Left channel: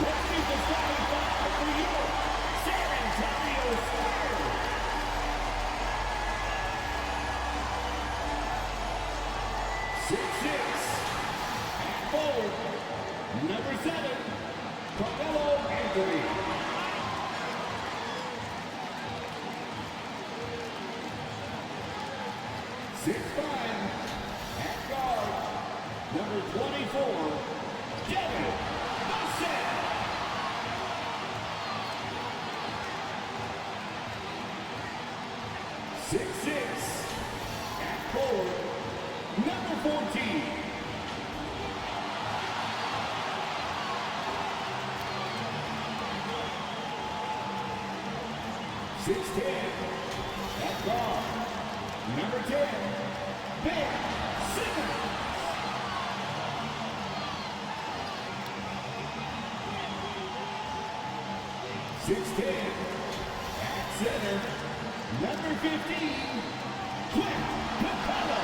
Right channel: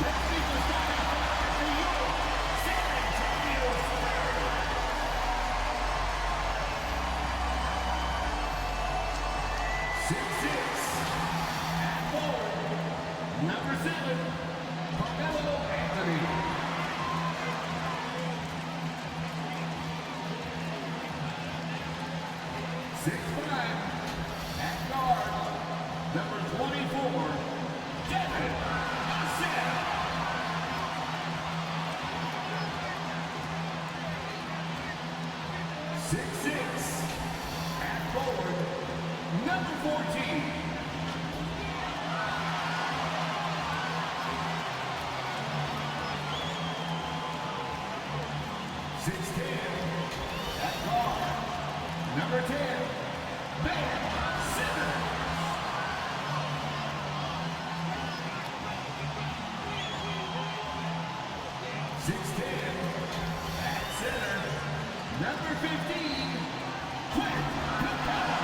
Let's meet the starting five for your San Antonio Spurs. 6'6", at forward, number 7, Carmelo Anthony. 6'5", at guard, number 24, Devin Vassell. 6'6", at forward, number 14. 6'10", at guard, number 10, Ben Simmons. 6'10", at center, number 15, Clint Capella.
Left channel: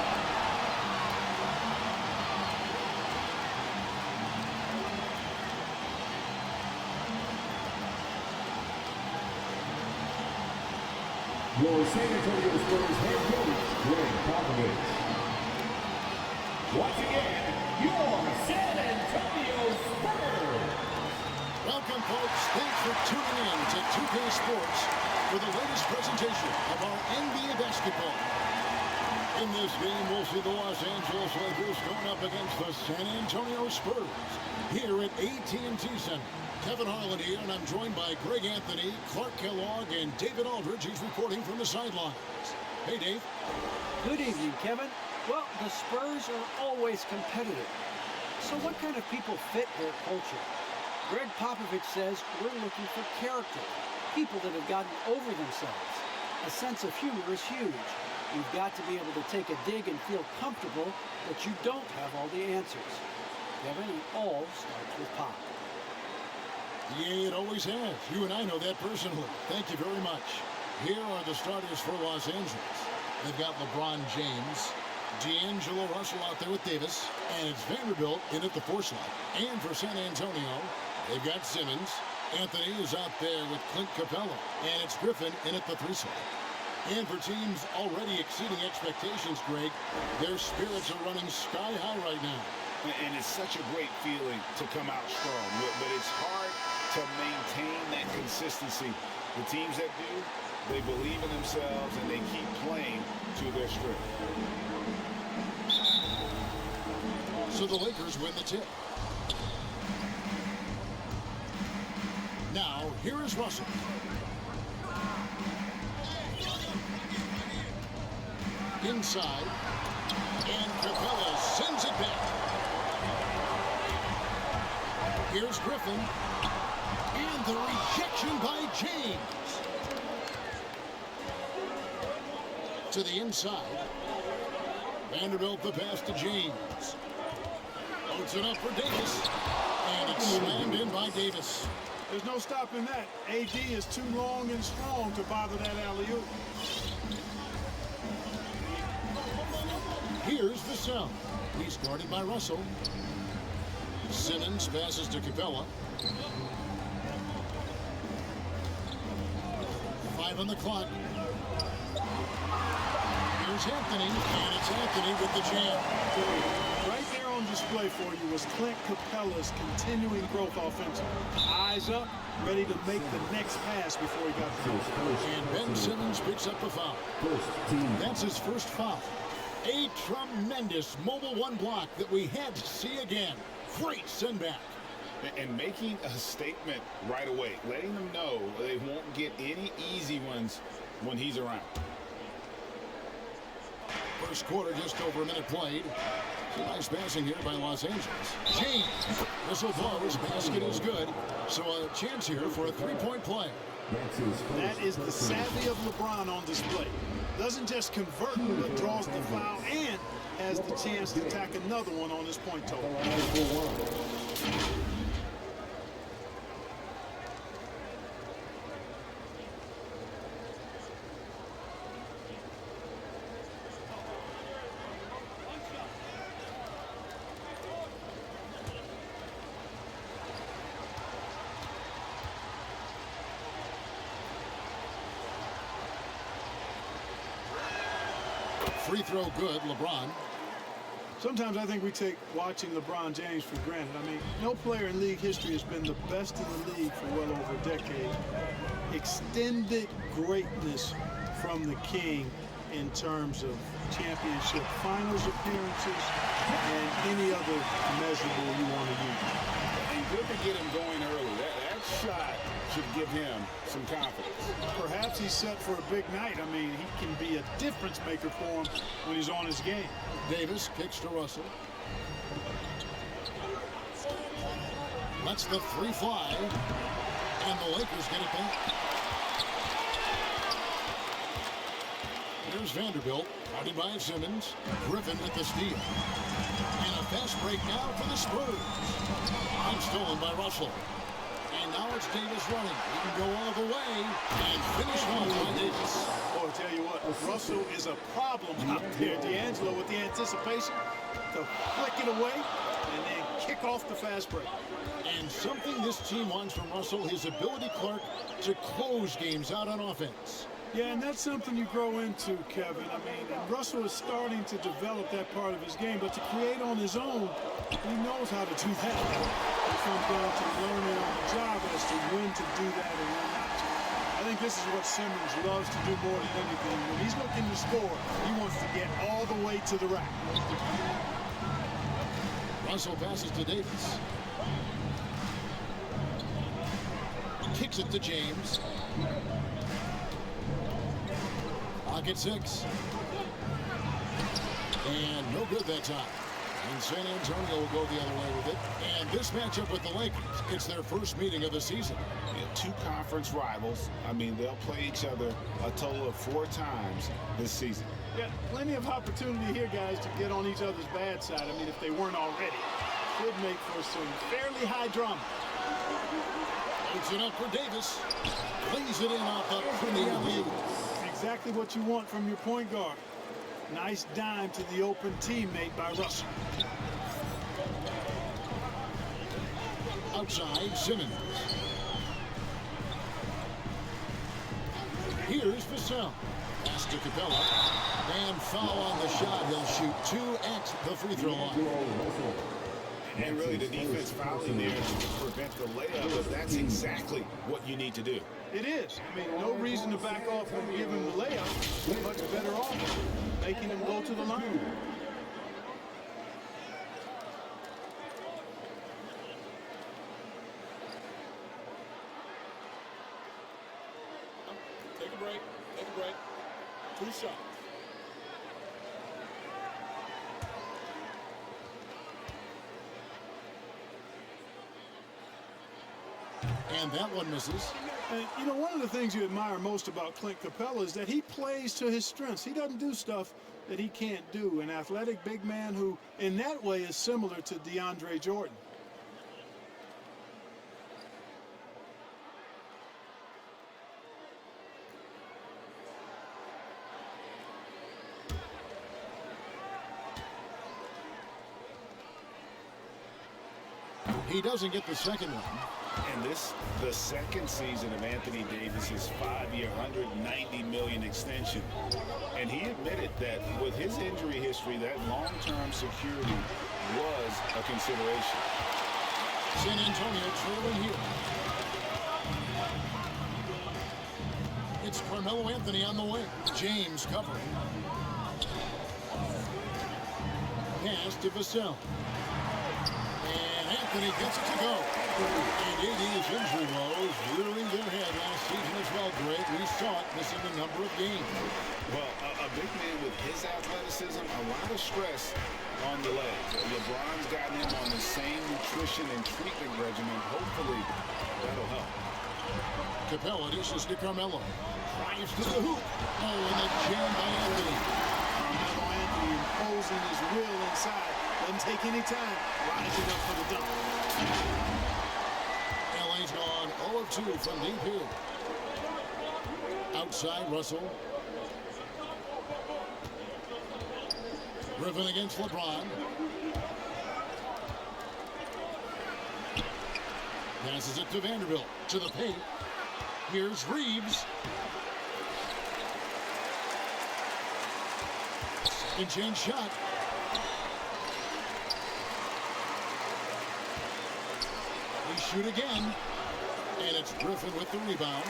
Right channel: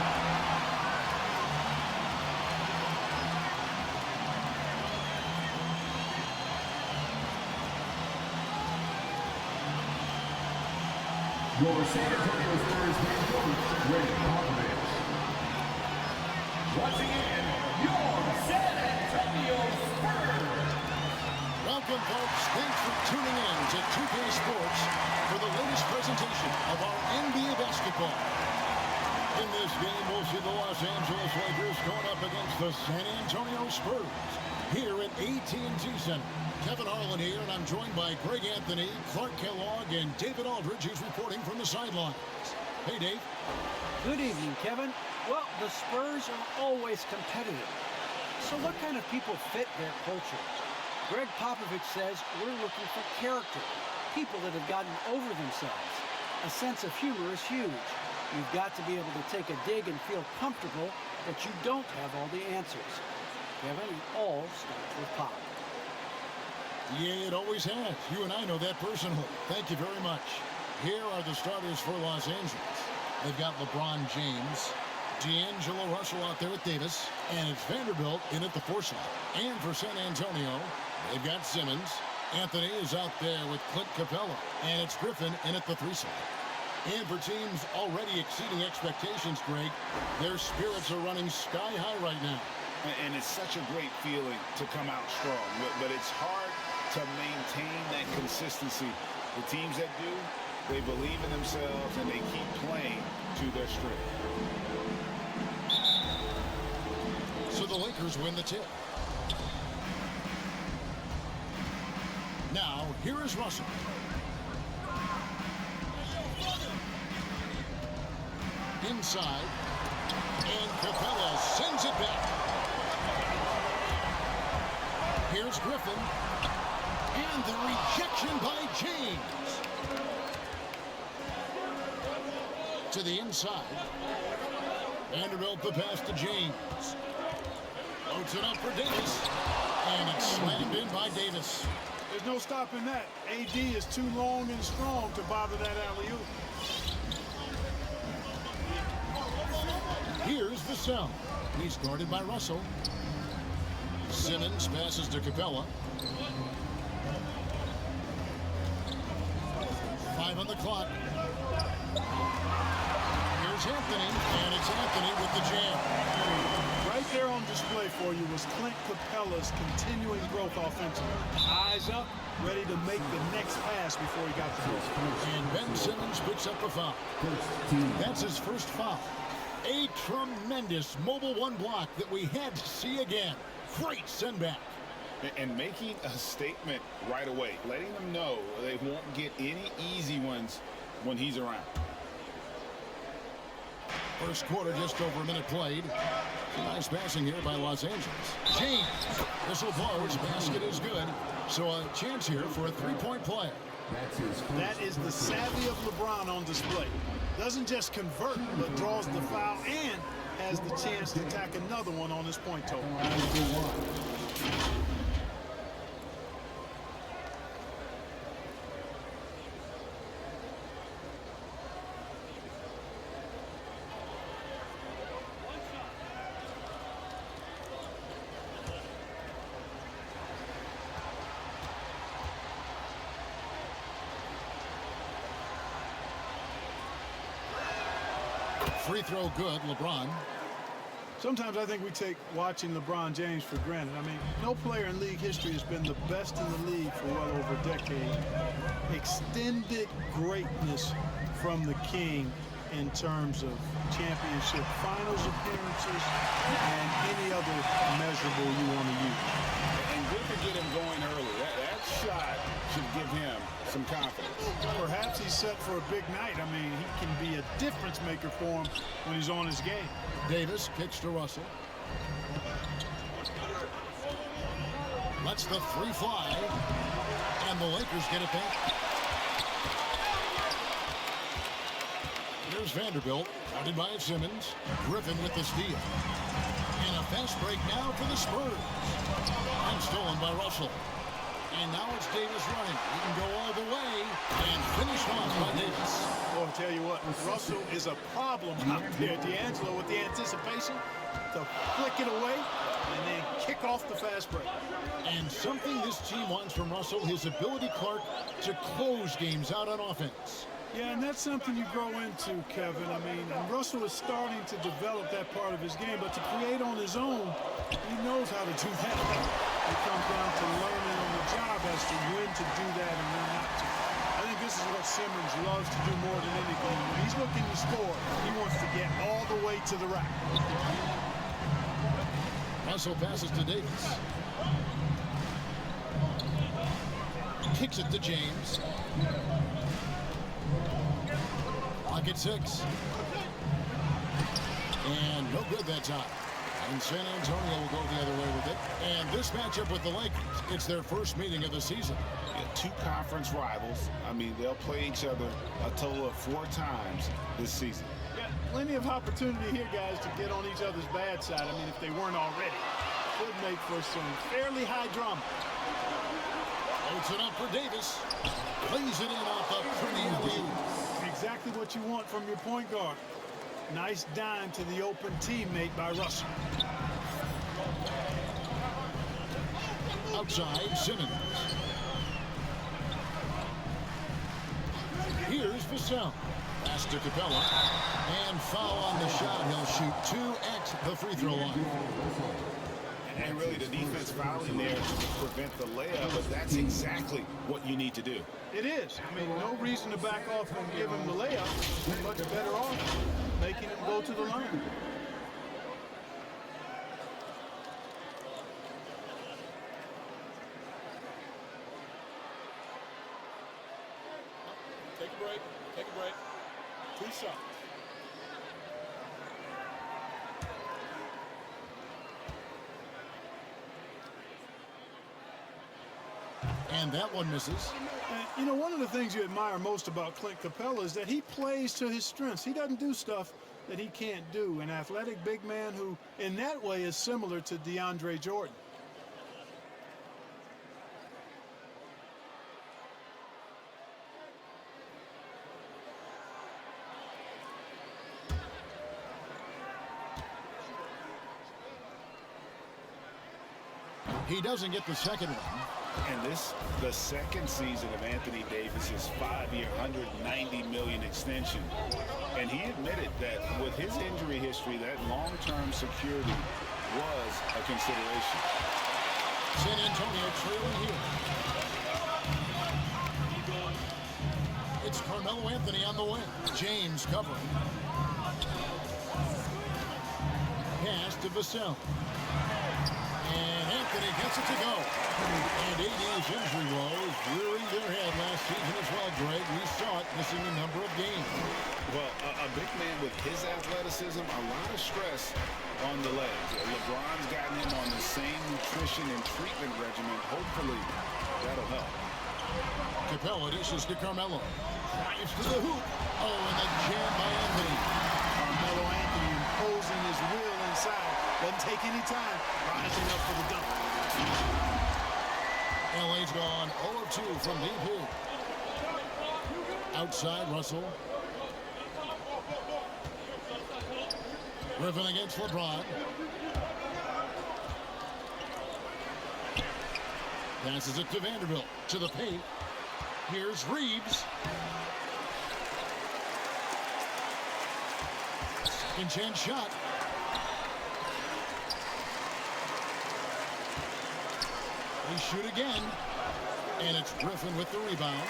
'Your San Antonio Spurs head coach, Greg Popovich. Once again, your San Antonio Spurs. Welcome, folks. Thanks for tuning in to 2K Sports for the latest presentation of our NBA basketball. In this game, we'll see the Los Angeles Lakers going up against the San Antonio Spurs here at AT&T Center. Kevin Harlan here, and I'm joined by Greg Anthony, Clark Kellogg, and David Aldridge, who's reporting from the sidelines. Hey, Dave. Good evening, Kevin. Well, the Spurs are always competitive. So what kind of people fit their culture? Greg Popovich says we're looking for character, people that have gotten over themselves. A sense of humor is huge. You've got to be able to take a dig and feel comfortable that you don't have all the answers. Kevin, it all starts with Pop. Yeah, it always has. You and I know that personally. Thank you very much. Here are the starters for Los Angeles. They've got LeBron James, D'Angelo Russell out there with Davis, and it's Vanderbilt in at the 4 slot. And for San Antonio, they've got Simmons. Anthony is out there with Clint Capella, and it's Griffin in at the 3 slot. And for teams already exceeding expectations, Greg, their spirits are running sky high right now. And it's such a great feeling to come out strong, but it's hard to maintain that consistency. The teams that do, they believe in themselves and they keep playing to their strength. So the Lakers win the tip. Now, here is Russell. Inside, and Capella sends it back. Here's Griffin, and the rejection by James. To the inside, Vanderbilt the pass to James. Loads it up for Davis, and it's slammed in by Davis. There's no stopping that. AD is too long and strong to bother that alley-oop. Here's Vassell. He's guarded by Russell. Simmons passes to Capella. 5 on the clock. Here's Anthony, and it's Anthony with the jam. Right there on display for you was Clint Capella's continuing growth offensively. Eyes up, ready to make the next pass before he got the ball. And Ben Simmons picks up the foul. That's his first foul. A tremendous mobile 1 block that we had to see again. Great send back. And making a statement right away, letting them know they won't get any easy ones when he's around. First quarter, just over a minute played. Nice passing here by Los Angeles. James, whistle blows, basket is good. So a chance here for a 3-point play. That is the savvy of LeBron on display. Doesn't just convert, but draws the foul and has the chance to tack another one on his point total. Free throw good, LeBron. Sometimes I think we take watching LeBron James for granted. I mean, no player in league history has been the best in the league for well over a decade. Extended greatness from the King in terms of championship finals appearances and any other measurable you want to use. And good to get him going early. That shot should give him some confidence. Perhaps he's set for a big night. I mean, he can be a difference maker for him when he's on his game. Davis kicks to Russell. Lets the three fly. And the Lakers get it back. Here's Vanderbilt, guarded by Simmons. Griffin with the steal. And a fast break now for the Spurs. And stolen by Russell. And now it's Davis running. He can go all the way and finish off by Davis. Boy, I'll tell you what, Russell is a problem out there. D'Angelo with the anticipation to flick it away and then kick off the fast break. And something this team wants from Russell, his ability, Clark, to close games out on offense. Yeah, and that's something you grow into, Kevin. I mean, and Russell is starting to develop that part of his game, but to create on his own, he knows how to do that. It comes down to learning on the job as to when to do that and when not to. I think this is what Simmons loves to do more than anything. When he's looking to score, he wants to get all the way to the rack. Russell passes to Davis. Kicks it to James. Clock at 6. And no good that time. And San Antonio will go the other way with it. And this matchup with the Lakers, it's their first meeting of the season. Yeah, two conference rivals. I mean, they'll play each other a total of 4 times this season. Yeah, plenty of opportunity here, guys, to get on each other's bad side. I mean, if they weren't already. Could make for some fairly high drama. Loads it up for Davis. Plays it in off a pretty alley-oop. Exactly what you want from your point guard. Nice dime to the open teammate by Russell. Outside, Simmons. Here's Vassell. Pass to Capella. And foul on the shot. He'll shoot 2 at the free throw line. And really, the defense fouling there to prevent the layup, but that's exactly what you need to do. It is. I mean, no reason to back off and give him the layup. Much better off making him go to the line. Take a break. Take a break. 2 shots. And that one misses. And, you know, one of the things you admire most about Clint Capella is that he plays to his strengths. He doesn't do stuff that he can't do. An athletic big man who, in that way, is similar to DeAndre Jordan. He doesn't get the second one. And this, the second season of Anthony Davis's 5-year, $190 million extension. And he admitted that with his injury history, that long-term security was a consideration. San Antonio trailing here. It's Carmelo Anthony on the wing. James covering. Pass to Vassell. And Anthony gets it to go. And AD's injury woes rearing their head last season as well, Greg. We saw it missing a number of games. Well, a big man with his athleticism, a lot of stress on the legs. LeBron's gotten him on the same nutrition and treatment regimen. Hopefully, that'll help. Capella dishes to Carmelo. Drives to the hoop. Oh, and the jam by Anthony. Carmelo Anthony imposing his will inside. Doesn't take any time. Rising up for the dunk. LA's gone 0 of 2 from deep here. Outside, Russell. Griffin against LeBron. Passes it to Vanderbilt. To the paint. Here's Reeves. Second chance shot. They shoot again. And it's Griffin with the rebound.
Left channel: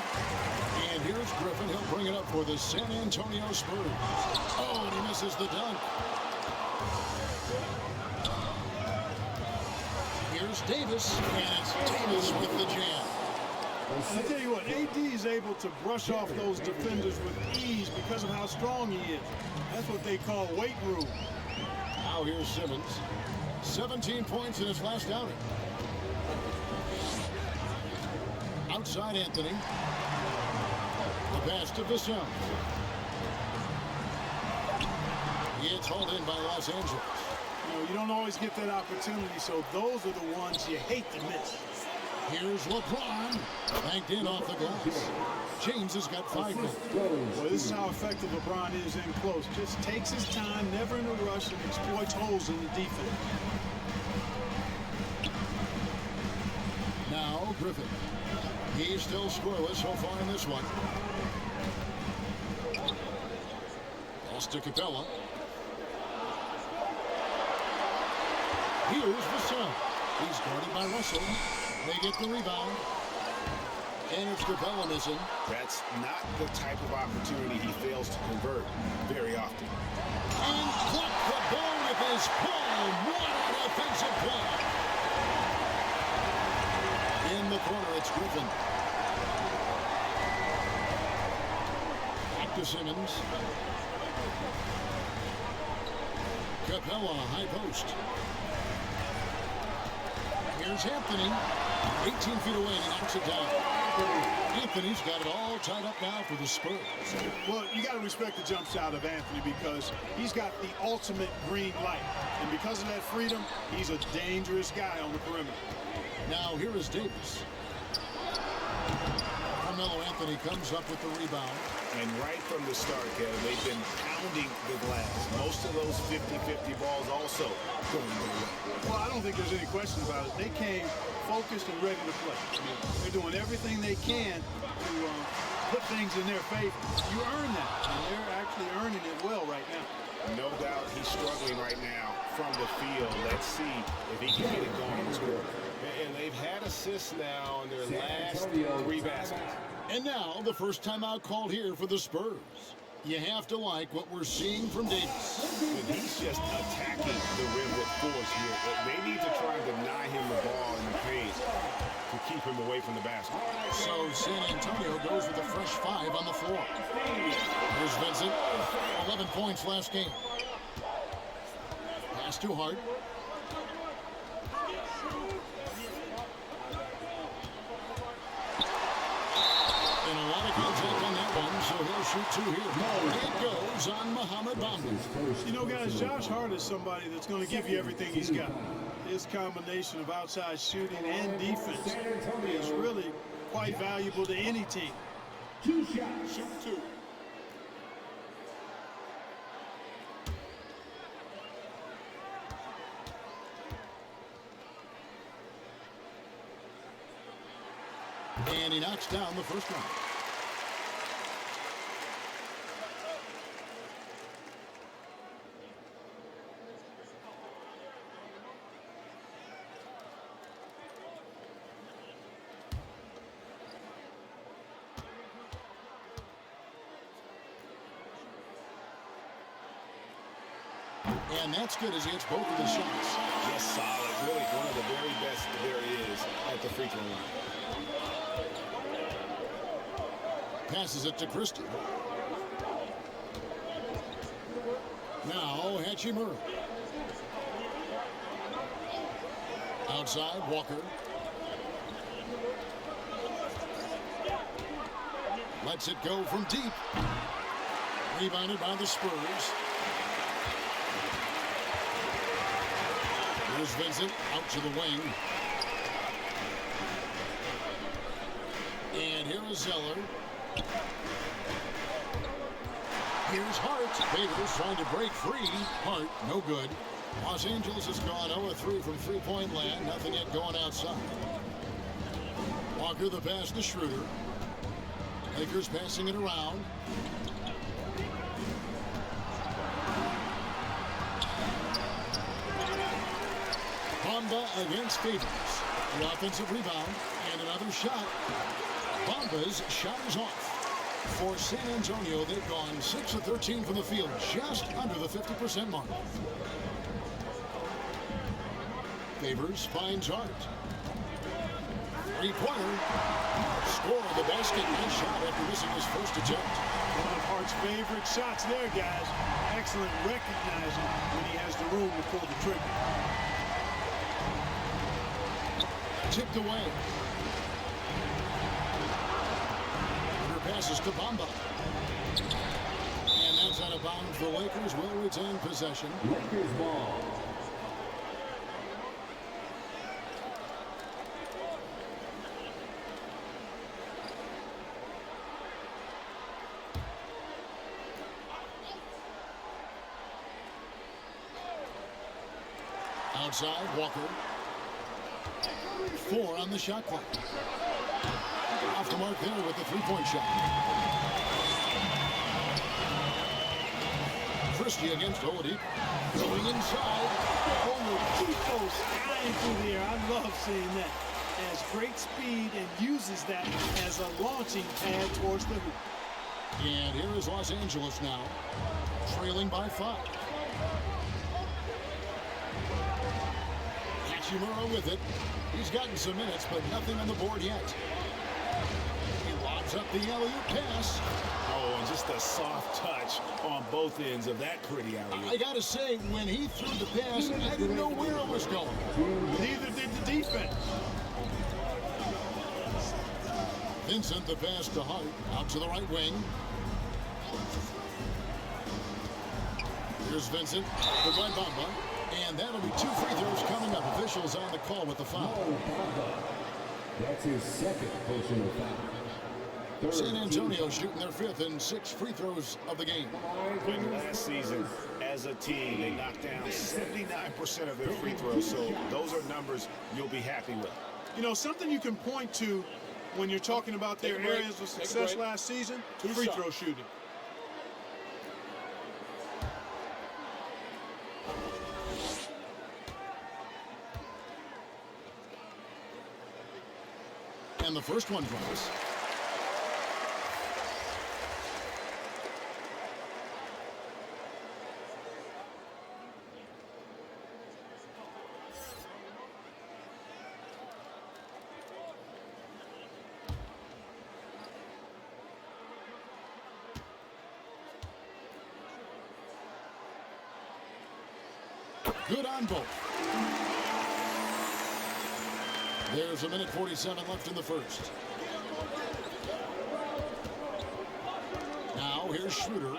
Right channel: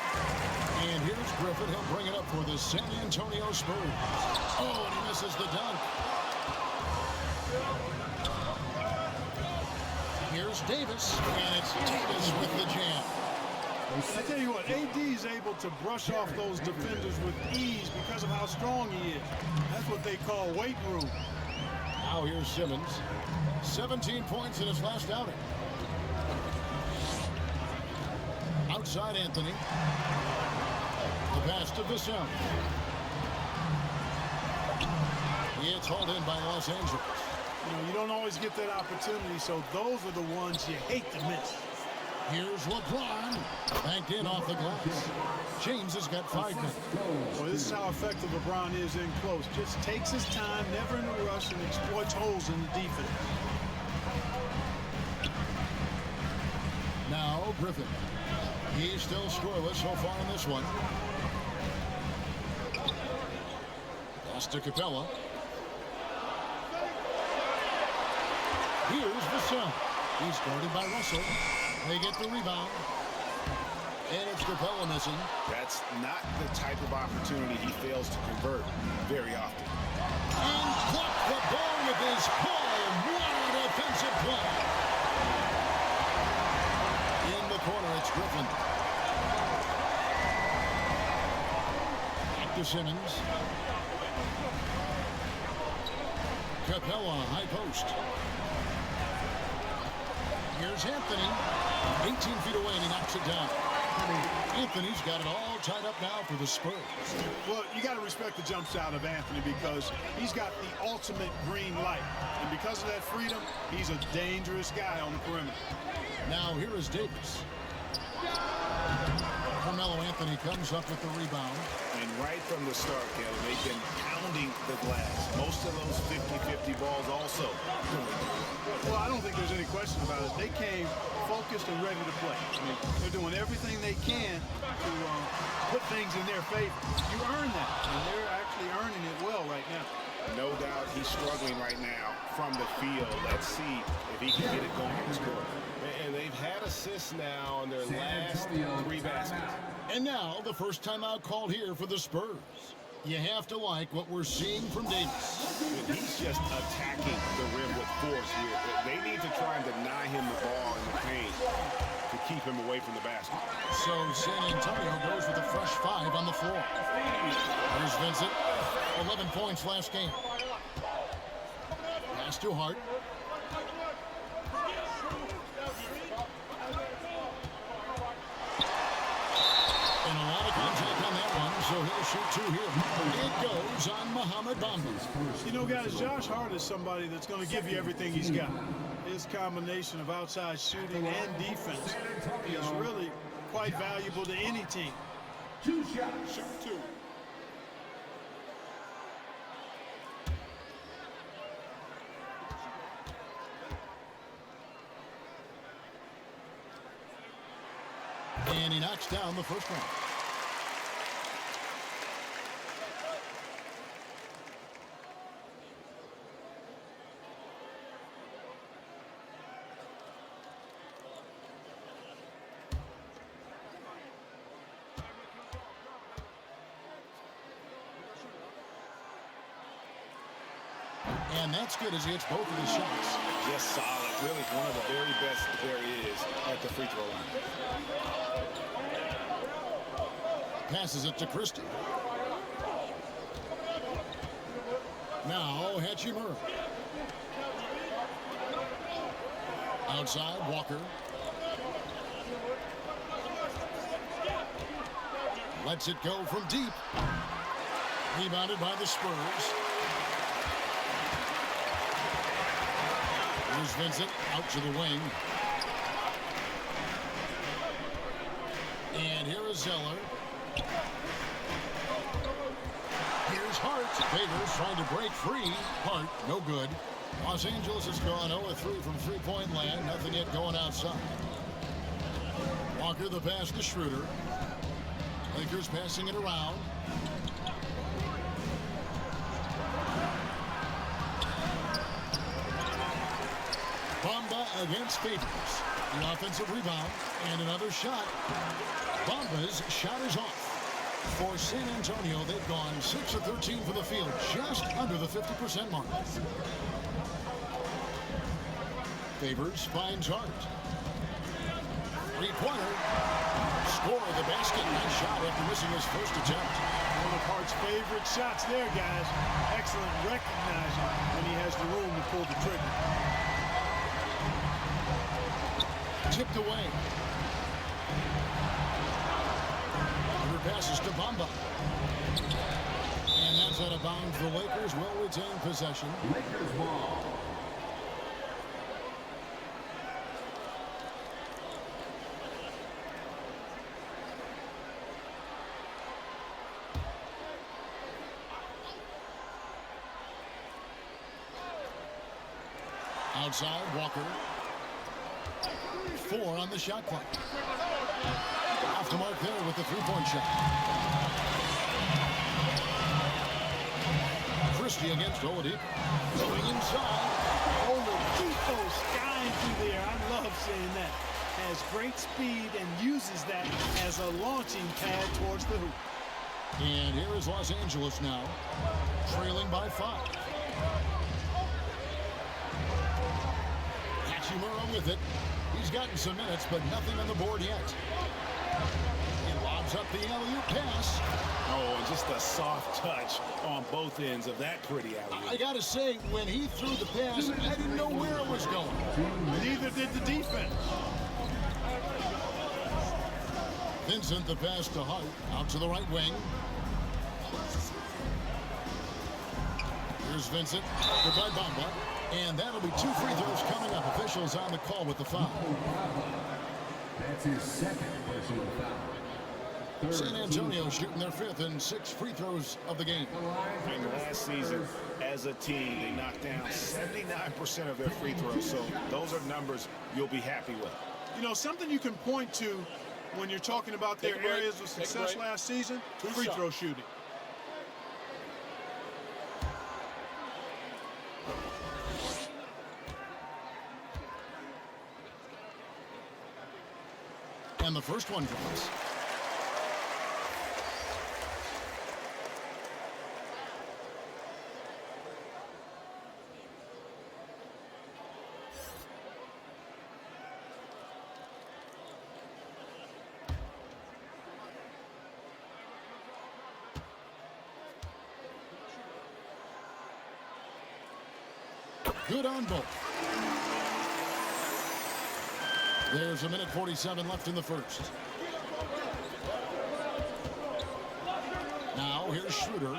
And here's Griffin. He'll bring it up for the San Antonio Spurs. Oh, and he misses the dunk. Here's Davis. And it's Davis with the jam. And I tell you what, AD is able to brush off those defenders with ease because of how strong he is. That's what they call weight room. Now here's Simmons. 17 points in his last outing. Outside Anthony. The pass to Vassell. It's hauled in by Los Angeles. You know, you don't always get that opportunity, so those are the ones you hate to miss. Here's LeBron. Banked in off the glass. James has got 5 minutes. Well, this is how effective LeBron is in close. Just takes his time, never in a rush, and exploits holes in the defense. Now Griffin. He's still scoreless so far in this one. Pass to Capella. Here's Vassell. He's guarded by Russell. They get the rebound. And it's Capella missing. That's not the type of opportunity he fails to convert very often. And blocked the ball with his palm. What a defensive play. In the corner, it's Griffin. Back to Simmons. Capella, high post. Here's Anthony. 18 feet away, and he knocks it down. Anthony's got it all tied up now for the Spurs. Well, you got to respect the jump shot of Anthony because he's got the ultimate green light. And because of that freedom, he's a dangerous guy on the perimeter. Now here is Davis. Carmelo Anthony comes up with the rebound. And right from the start, Kevin, they've been pounding the glass. Most of those 50-50 balls also going their way. Well, I don't think there's any question about it. They came focused and ready to play. I mean, they're doing everything they can to put things in their favor. You earn that, and they're actually earning it well right now. No doubt he's struggling right now from the field. Let's see if he can get it going in this quarter. And they've had assists now on their last 3 baskets. And now the first timeout called here for the Spurs. You have to like what we're seeing from Davis. And he's just attacking the rim with force here. They need to try and deny him the ball in the paint to keep him away from the basket. So San Antonio goes with a fresh 5 on the floor. Here's Vincent. 11 points last game. Pass to Hart. And a lot of contact on that one, so he'll shoot 2 here. It goes on Mohamed Bamba. You know, guys, Josh Hart is somebody that's going to give you everything he's got. His combination of outside shooting and defense is really quite valuable to any team. 2 shots. Shoot 2. And he knocks down the first one. And that's good as he hits both of his shots. Just solid. Really one of the very best there is at the free throw line. Passes it to Christie. Now Hachimura. Outside, Walker. Lets it go from deep. Rebounded by the Spurs. Here's Vincent out to the wing. And here is Zeller. Here's Hart. Favors trying to break free. Hart, no good. Los Angeles has gone 0-3 from three-point land. Nothing yet going outside. Walker the pass to Schroeder. Lakers passing it around. Bamba against Favors. The offensive rebound and another shot. Bamba's shot is off. For San Antonio, they've gone 6 of 13 from the field, just under the 50% mark. Favors finds Hart. Three-pointer. Score the basket. Nice shot after missing his first attempt. One of Hart's favorite shots there, guys. Excellent recognizing when he has the room to pull the trigger. Tipped away. Under passes to Bamba. And that's out of bounds. The Lakers will retain possession. Lakers ball. Outside, Walker. 4 on the shot clock. Off the mark there with the three-point shot. Christie against Oladipo. Going inside. Oladipo skying through the air. I love seeing that. Has great speed and uses that as a launching pad towards the hoop. And here is Los Angeles now, trailing by 5. Hachimura with it. He's gotten some minutes, but nothing on the board yet. He lobs up the alley-oop pass. Oh, and just a soft touch on both ends of that pretty alley-oop. I gotta say, when he threw the pass, I didn't know where it was going. Neither did the defense. Vincent, the pass to Hart, out to the right wing. Here's Vincent, goodbye Bamba. And that'll be 2 free throws coming up. Officials on the call with the foul. That's his second personal foul. San Antonio shooting their 5th and 6 free throws of the game. And last season, as a team, they knocked down 79% of their free throws. So those are numbers you'll be happy with. You know, something you can point to when you're talking about their areas of success last season, free throw shooting. And the first one drops. Good on both. There's a minute 47 left in the first. Now here's Schroeder.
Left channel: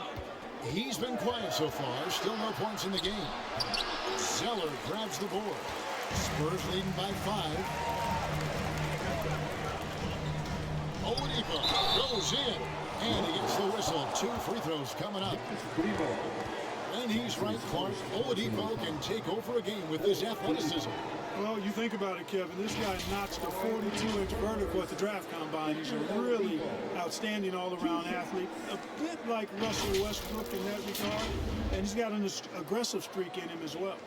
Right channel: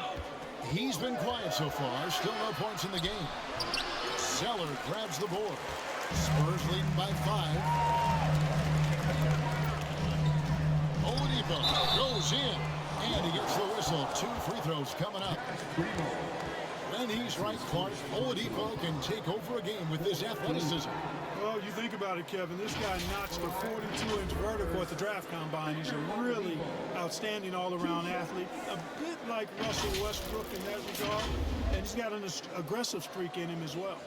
He's been quiet so far. Still no points in the game. Zeller grabs the board. Spurs leading by 5. Oladipo goes in. And he gets the whistle. 2 free throws coming up. When he's right, Clark, Oladipo can take over a game with this athleticism. Well, you think about it, Kevin. This guy notched a 42-inch vertical at the draft combine. He's a really outstanding all-around athlete, a bit like Russell Westbrook in that regard, and he's got an aggressive streak in him as well.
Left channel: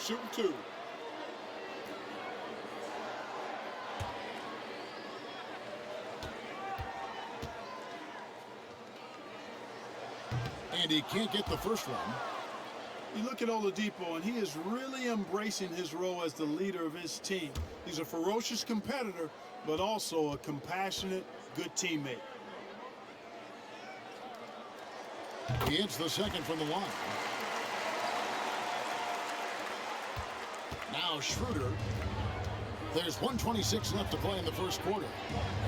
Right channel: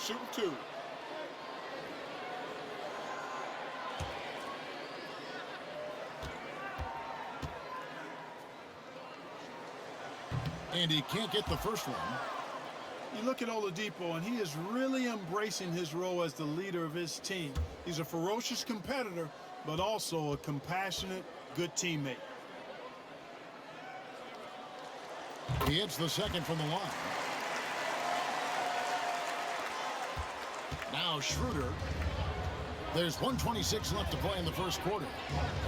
Shooting 2. And he can't get the first one. You look at Oladipo, and he is really embracing his role as the leader of his team. He's a ferocious competitor, but also a compassionate, good teammate. He hits the second from the line. Now Schroeder. There's 1:26 left to play in the first quarter.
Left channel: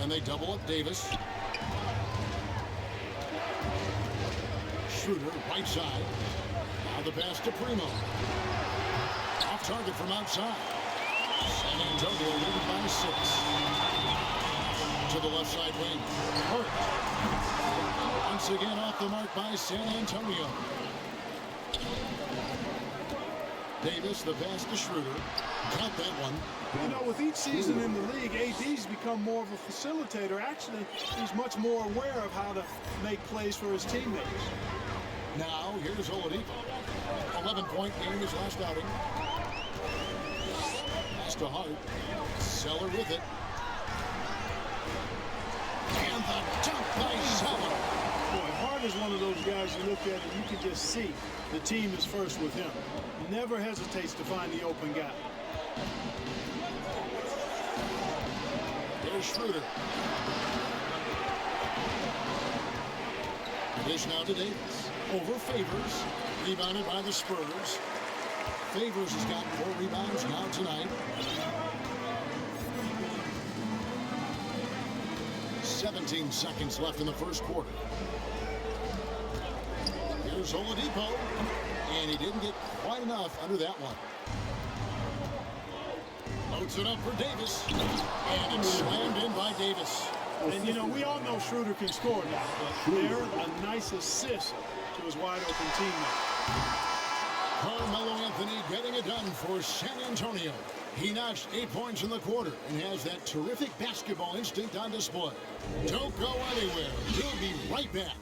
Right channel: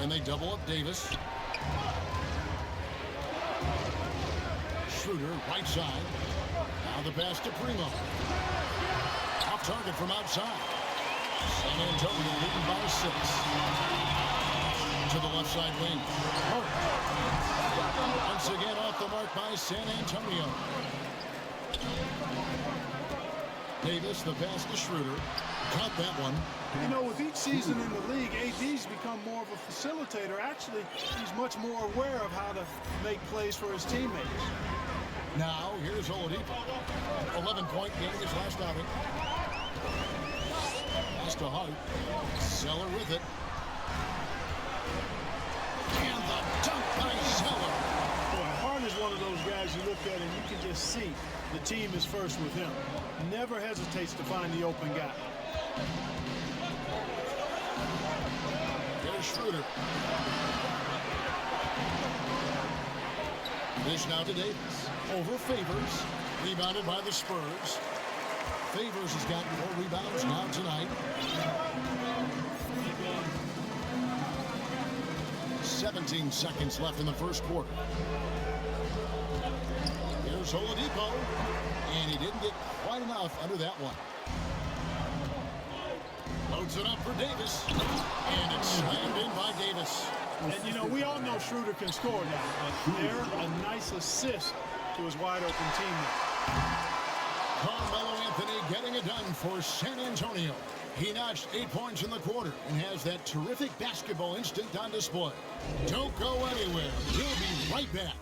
And they double up Davis. Schroeder, right side. Now the pass to Primo. Off target from outside. San Antonio leading by 6. To the left side wing. Hurt. Once again off the mark by San Antonio. Davis, the pass to Schroeder. Caught that one. You know, with each season in the league, AD's become more of a facilitator. Actually, he's much more aware of how to make plays for his teammates. Now, here's Oladipo. 11-point game his last outing. Pass to Hart. Zeller with it. And the dunk by Zeller. Boy, Hart is one of those guys you look at and you can just see the team is first with him. Never hesitates to find the open guy. Here's Schroeder. Dish now to Davis. Over Favors. Rebounded by the Spurs. Favors has got 4 rebounds now tonight. 17 seconds left in the first quarter. Here's Oladipo. And he didn't get quite enough under that one. Loads it up for Davis. And it's slammed in by Davis. And, you know, we all know Schroeder can score now, but they're a nice assist to his wide-open teammate. Carmelo Anthony getting it done for San Antonio. He notched 8 points in the quarter and has that terrific basketball instinct on display. Don't go anywhere. He'll be right back.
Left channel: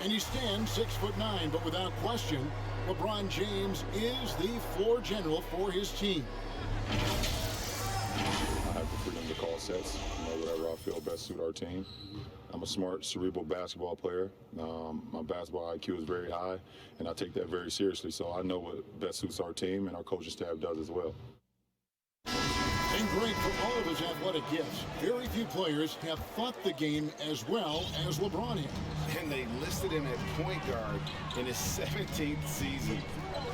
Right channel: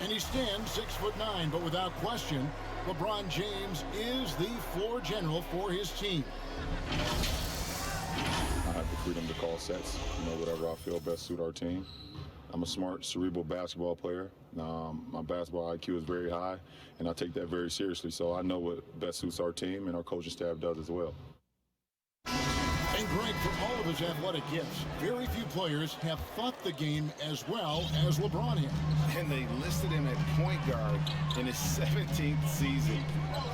And he stands 6'9", but without question, LeBron James is the floor general for his team. I have the freedom to call sets, whatever I feel best suit our team. I'm a smart, cerebral basketball player. My basketball IQ is very high, and I take that very seriously. So I know what best suits our team, and our coaching staff does as well. And great for all of his athletic gifts. Very few players have thought the game as well as LeBron has. And they listed him at point guard in his 17th season.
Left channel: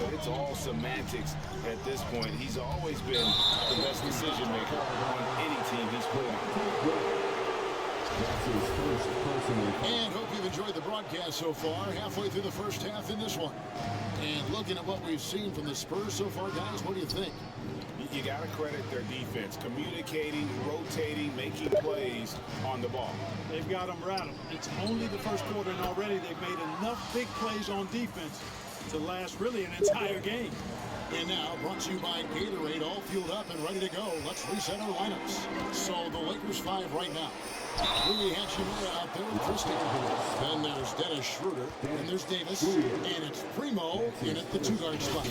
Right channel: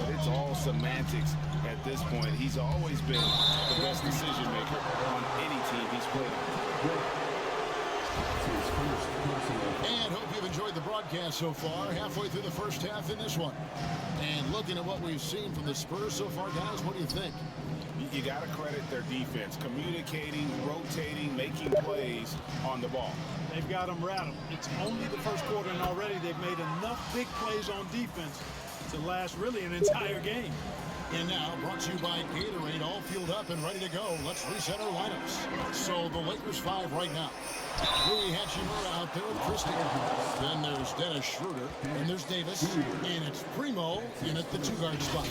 But it's all semantics at this point. He's always been the best decision maker on any team he's played on. And hope you've enjoyed the broadcast so far. Halfway through the first half in this one. And looking at what we've seen from the Spurs so far, guys, what do you think? You got to credit their defense, communicating, rotating, making plays on the ball. They've got them rattled. It's only the first quarter, and already they've made enough big plays on defense to last really an entire game. And now, brought to you by Gatorade, all fueled up and ready to go. Let's reset our lineups. So the Lakers 5 right now. Rui Hachimura out there with Christie. Then there's Dennis Schroeder, and there's Davis, and it's Primo in at the 2-guard spot.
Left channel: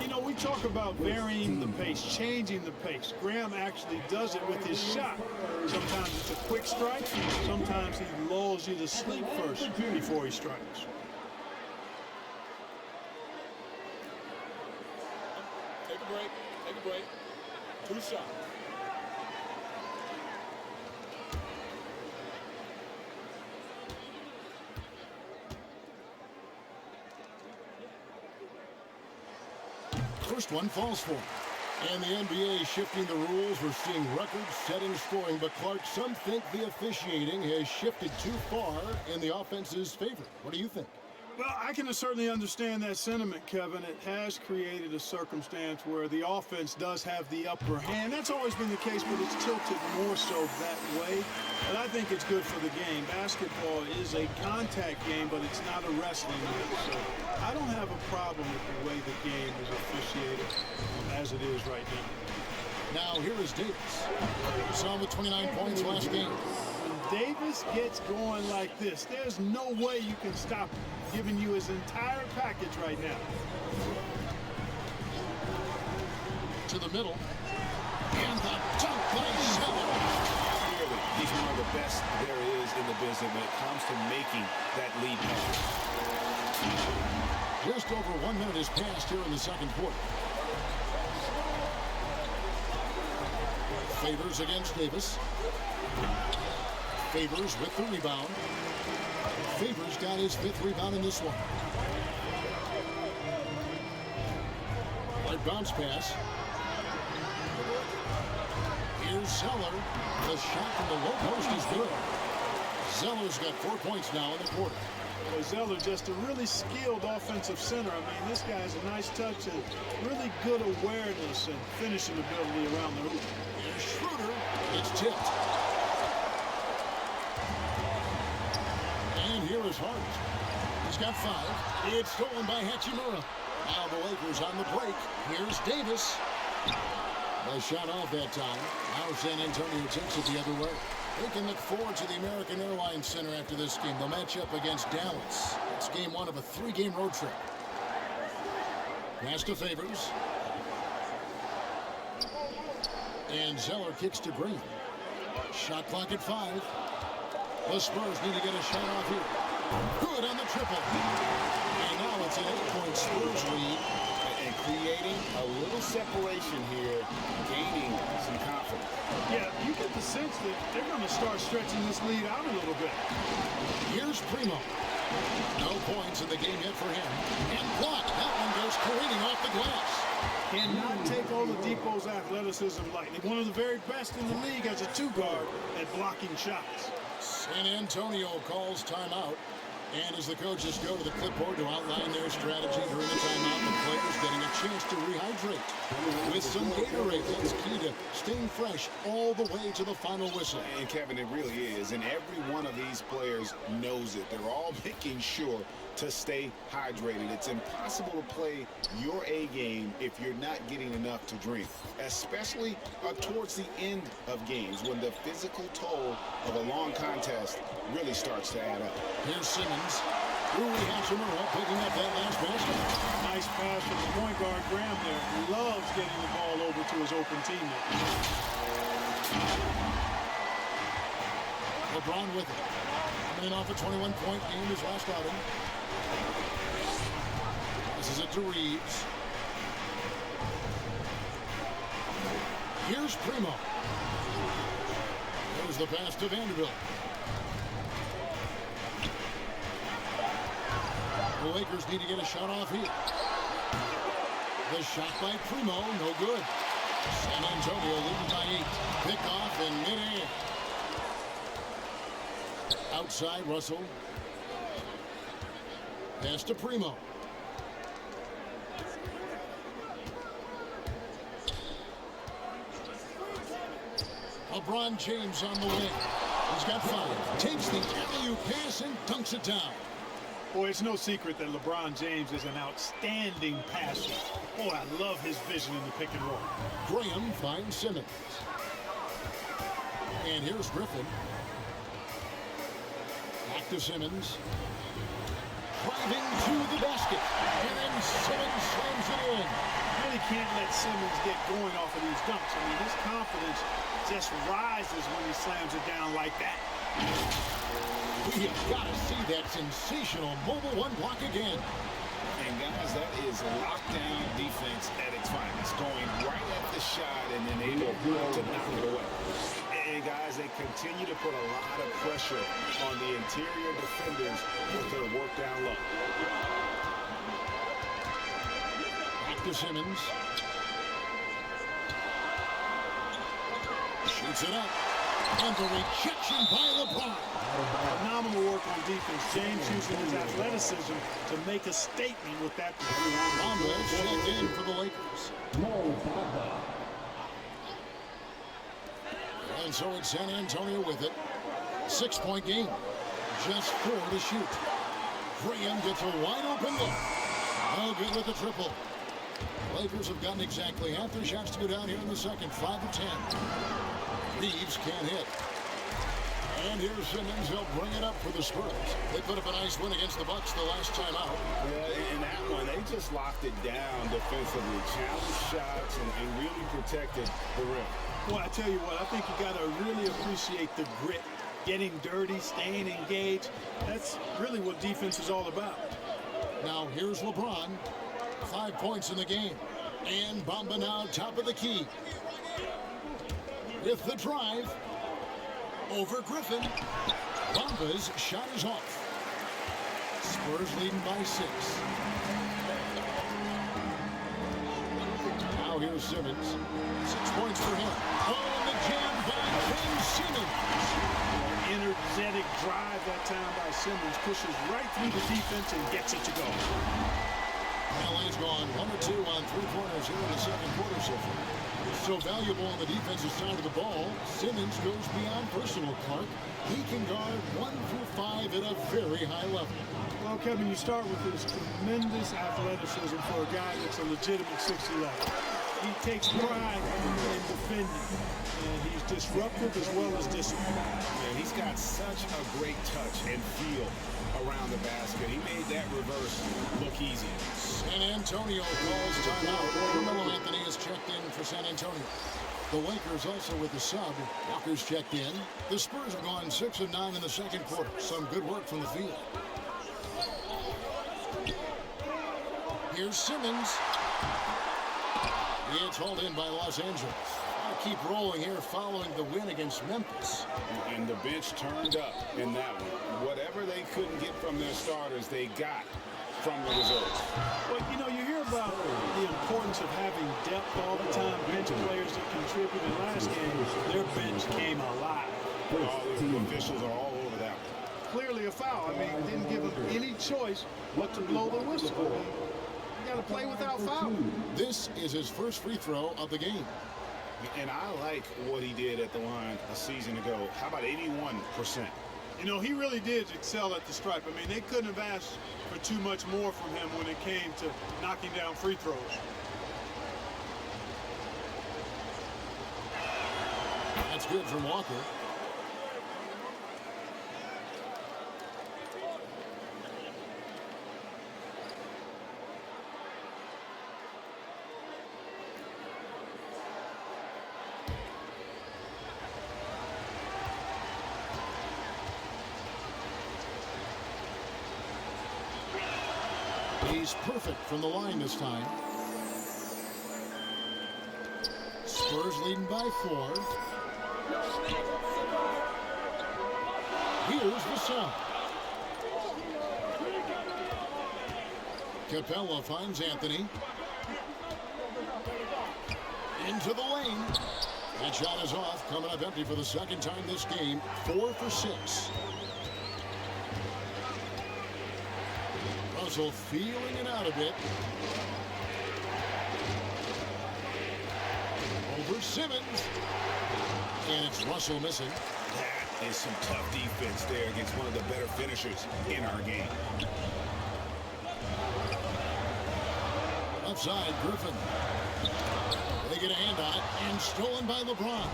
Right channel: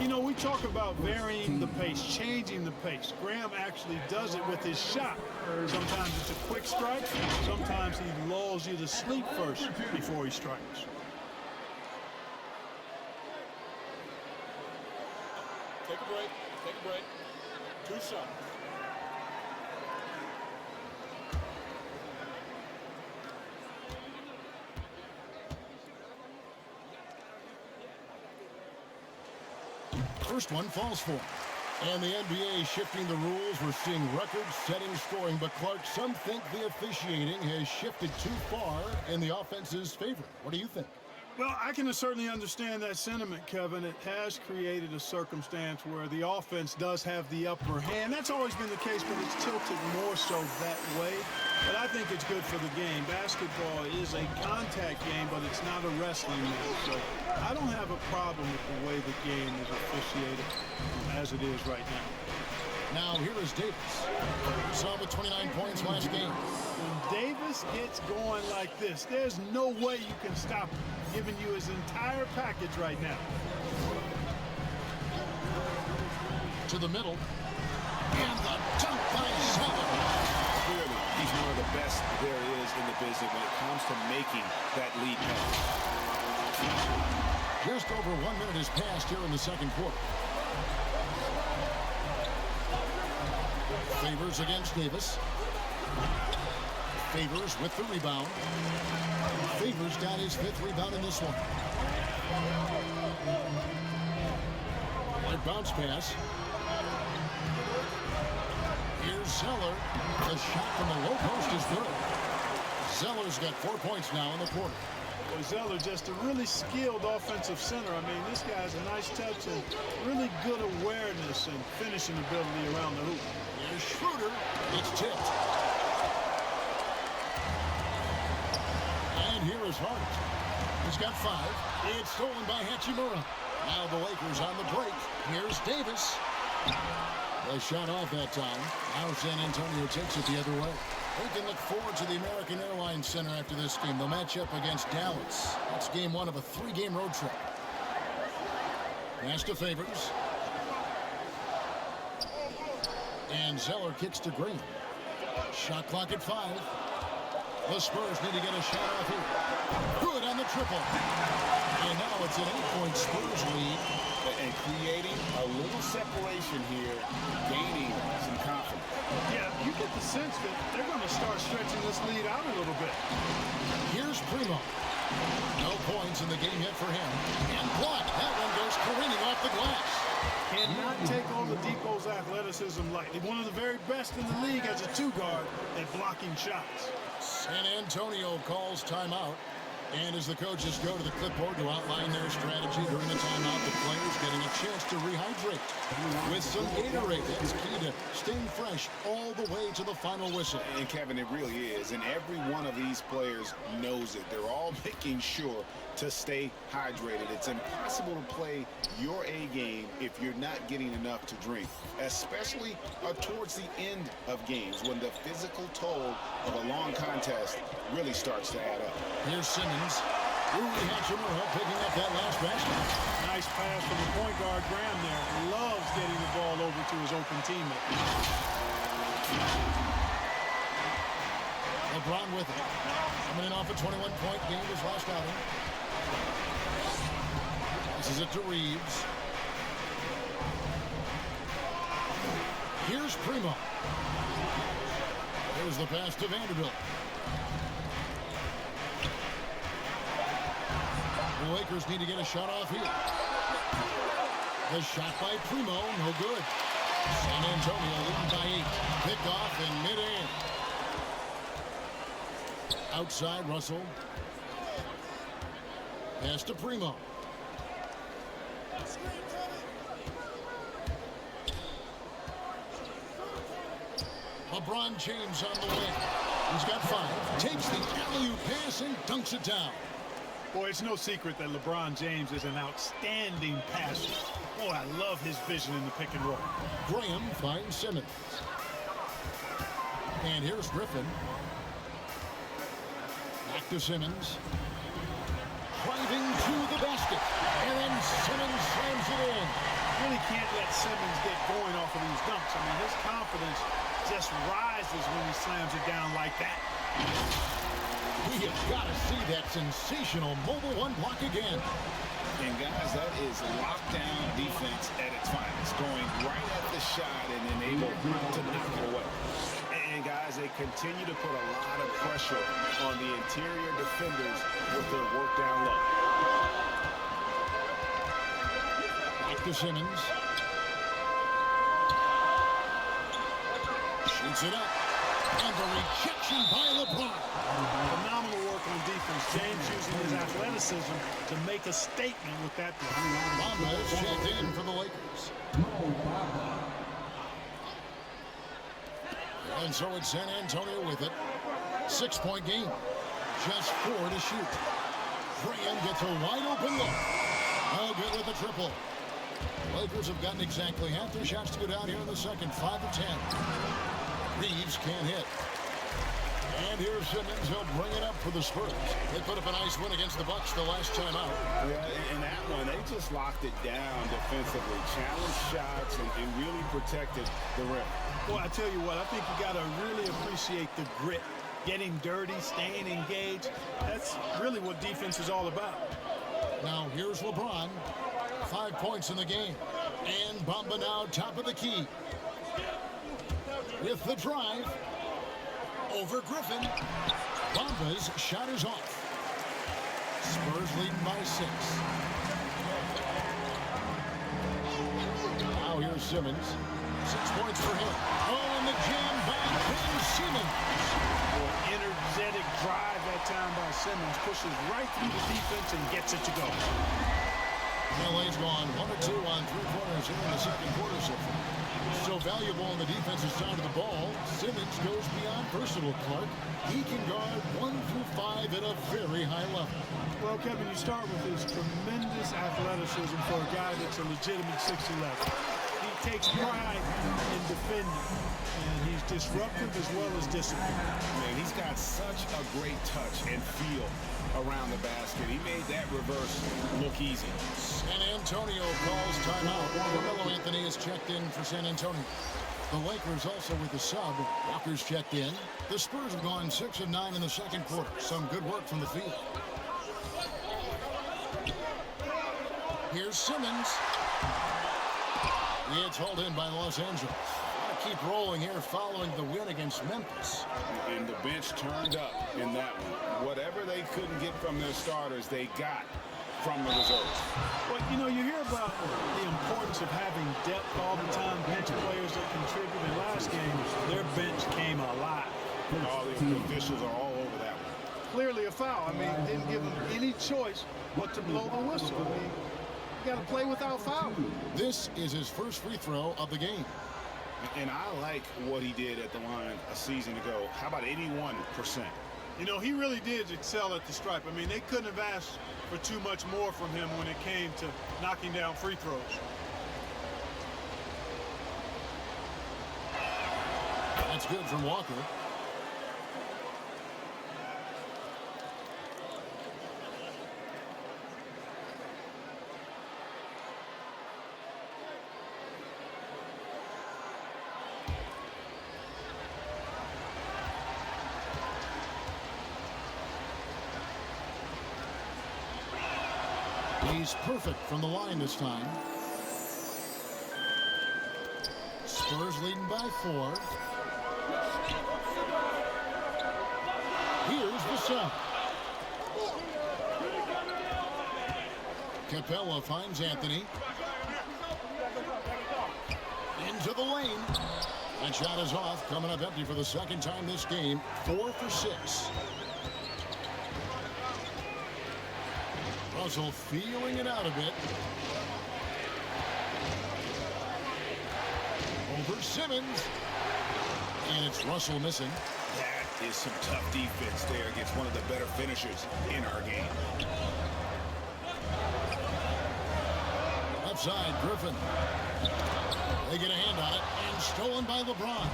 You know, we talk about varying the pace, changing the pace. Graham actually does it with his shot. Sometimes it's a quick strike. Sometimes he lulls you to sleep first before he strikes. Take a break. Take a break. 2 shots. First one falls for him. And the NBA shifting the rules. We're seeing record-setting scoring. But, Clark, some think the officiating has shifted too far in the offense's favor. What do you think? Well, I can certainly understand that sentiment, Kevin. It has created a circumstance where the offense does have the upper hand. That's always been the case, but it's tilted more so that way. But I think it's good for the game. Basketball is a contact game, but it's not a wrestling match. So I don't have a problem with the way the game is officiated as it is right now. Now, here is Davis. Saw him with 29 points last game. When Davis gets going like this, there's no way you can stop him, giving you his entire package right now. To the middle. And the dunk by Zeller. Clearly, he's one of the best there is in the business when it comes to making that lead pass. Just over 1 minute has passed here in the second quarter. Favors against Davis. Favors with the rebound. Favors got his 5th rebound in this one. Right bounce pass. Here's Zeller. The shot from the low post is good. Zeller's got 4 points now in the quarter. Boy, Zeller just a really skilled offensive center. I mean, this guy has a nice touch and really good awareness and finishing ability around the hoop. Here's Schroeder. It's tipped. And here is Hart. He's got 5. It's stolen by Hachimura. Now the Lakers on the break. Here's Davis. The shot off that time. Now San Antonio takes it the other way. We can look forward to the American Airlines Center after this game. They'll match up against Dallas. That's game 1 of a 3-game road trip. Pass to Favors. And Zeller kicks to Green. Shot clock at 5. The Spurs need to get a shot off here. Good on the triple. And now it's an 8-point Spurs lead. And creating a little separation here, gaining some confidence. Yeah, you get the sense that they're going to start stretching this lead out a little bit. Here's Primo. No points in the game yet for him. And blocked. That one goes careening off the glass. Cannot take Oladipo's athleticism lightly. One of the very best in the league as a 2-guard at blocking shots. San Antonio calls timeout. And as the coaches go to the clipboard to outline their strategy during the timeout, the players getting a chance to rehydrate with some Gatorade. That's key to staying fresh all the way to the final whistle. And Kevin, it really is. And every one of these players knows it. They're all making sure to stay hydrated. It's impossible to play your A game if you're not getting enough to drink, especially towards the end of games when the physical toll of a long contest really starts to add up. Here's Simmons. Rui Hachimura picking up that last basket. Nice pass from the point guard, Graham there. Loves getting the ball over to his open teammate. LeBron with it. Coming in off a 21-point game his last outing. Passes it to Reeves. Here's Primo. There's the pass to Vanderbilt. The Lakers need to get a shot off here. The shot by Primo, no good. San Antonio leading by 8. Pick off in midair. Outside, Russell. Pass to Primo. LeBron James on the win. He's got 5. Takes the alley-oop pass and dunks it down. Boy, it's no secret that LeBron James is an outstanding passer. Boy, I love his vision in the pick and roll. Graham finds Simmons. And here's Griffin. Back to Simmons. Driving to the basket. And then Simmons slams it in. Really can't let Simmons get going off of these dunks. I mean, his confidence just rises when he slams it down like that. We have got to see that sensational mobile 1 block again. And guys, that is lockdown defense at its finest. Going right at the shot and then able to knock it away. And guys, they continue to put a lot of pressure on the interior defenders with their work down low. Back to Simmons. Shoots it up. And the rejection by LeBron. Phenomenal work on defense. James using his athleticism to make a statement with that play. Bamba is checked in for the Lakers. Mo Bamba. And so it's San Antonio with it. 6-point game. Just 4 to shoot. Graham gets a wide open look. Oh, good with the triple. Lakers have gotten exactly half their shots to go down here in the second. 5 of 10. Reeves can't hit. And here's Simmons. He'll bring it up for the Spurs. They put up a nice win against the Bucks the last time out. Yeah, in that one, they just locked it down defensively. Challenged shots and really protected the rim. Boy, I tell you what, I think you got to really appreciate the grit. Getting dirty, staying engaged. That's really what defense is all about. Now here's LeBron. 5 points in the game. And Bamba now top of the key. With the drive. Over Griffin. Bamba's shot is off. Spurs leading by 6. Now here's Simmons. 6 points for him. Oh, and the jam by Ben Simmons. Energetic drive that time by Simmons. Pushes right through the defense and gets it to go. LA's gone 1 of 2 on three-pointers here in the second quarter so far. So valuable on the defensive side of the ball, Simmons goes beyond personal, Clark. He can guard 1 through 5 at a very high level. Well, Kevin, you start with his tremendous athleticism for a guy that's a legitimate 6'11". He takes pride in defending, and he's disruptive as well as disciplined. Man, he's got such a great touch and feel around the basket. He made that reverse look easy. San Antonio calls timeout. Carmelo Anthony is checked in for San Antonio. The Lakers also with the sub. Walker's checked in. The Spurs have gone 6 of 9 in the second quarter. Some good work from the field. Here's Simmons. It's hauled in by Los Angeles. Want to keep rolling here following the win against Memphis. And the bench turned up in that one. Whatever they couldn't get from their starters, they got from the reserves. Well, you know, you hear about the importance of having depth all the time, bench players that contribute. In last game, their bench came alive. All the officials are all over that one. Clearly a foul. I mean, didn't give them any choice but to blow the whistle. I mean, you got to play without foul. This is his first free throw of the game. And I like what he did at the line a season ago. How about 81%? You know, he really did excel at the stripe. I mean, they couldn't have asked for too much more from him when it came to knocking down free throws. That's good from Walker. He's perfect from the line this time. Spurs leading by 4. Here's the sub. Capella finds Anthony. Into the lane. That shot is off, coming up empty for the second time this game. 4 for 6. Russell feeling it out a bit. Over Simmons. And it's Russell missing. That is some tough defense there against one of the better finishers in our game. Left side, Griffin. They get a hand on it, and stolen by LeBron.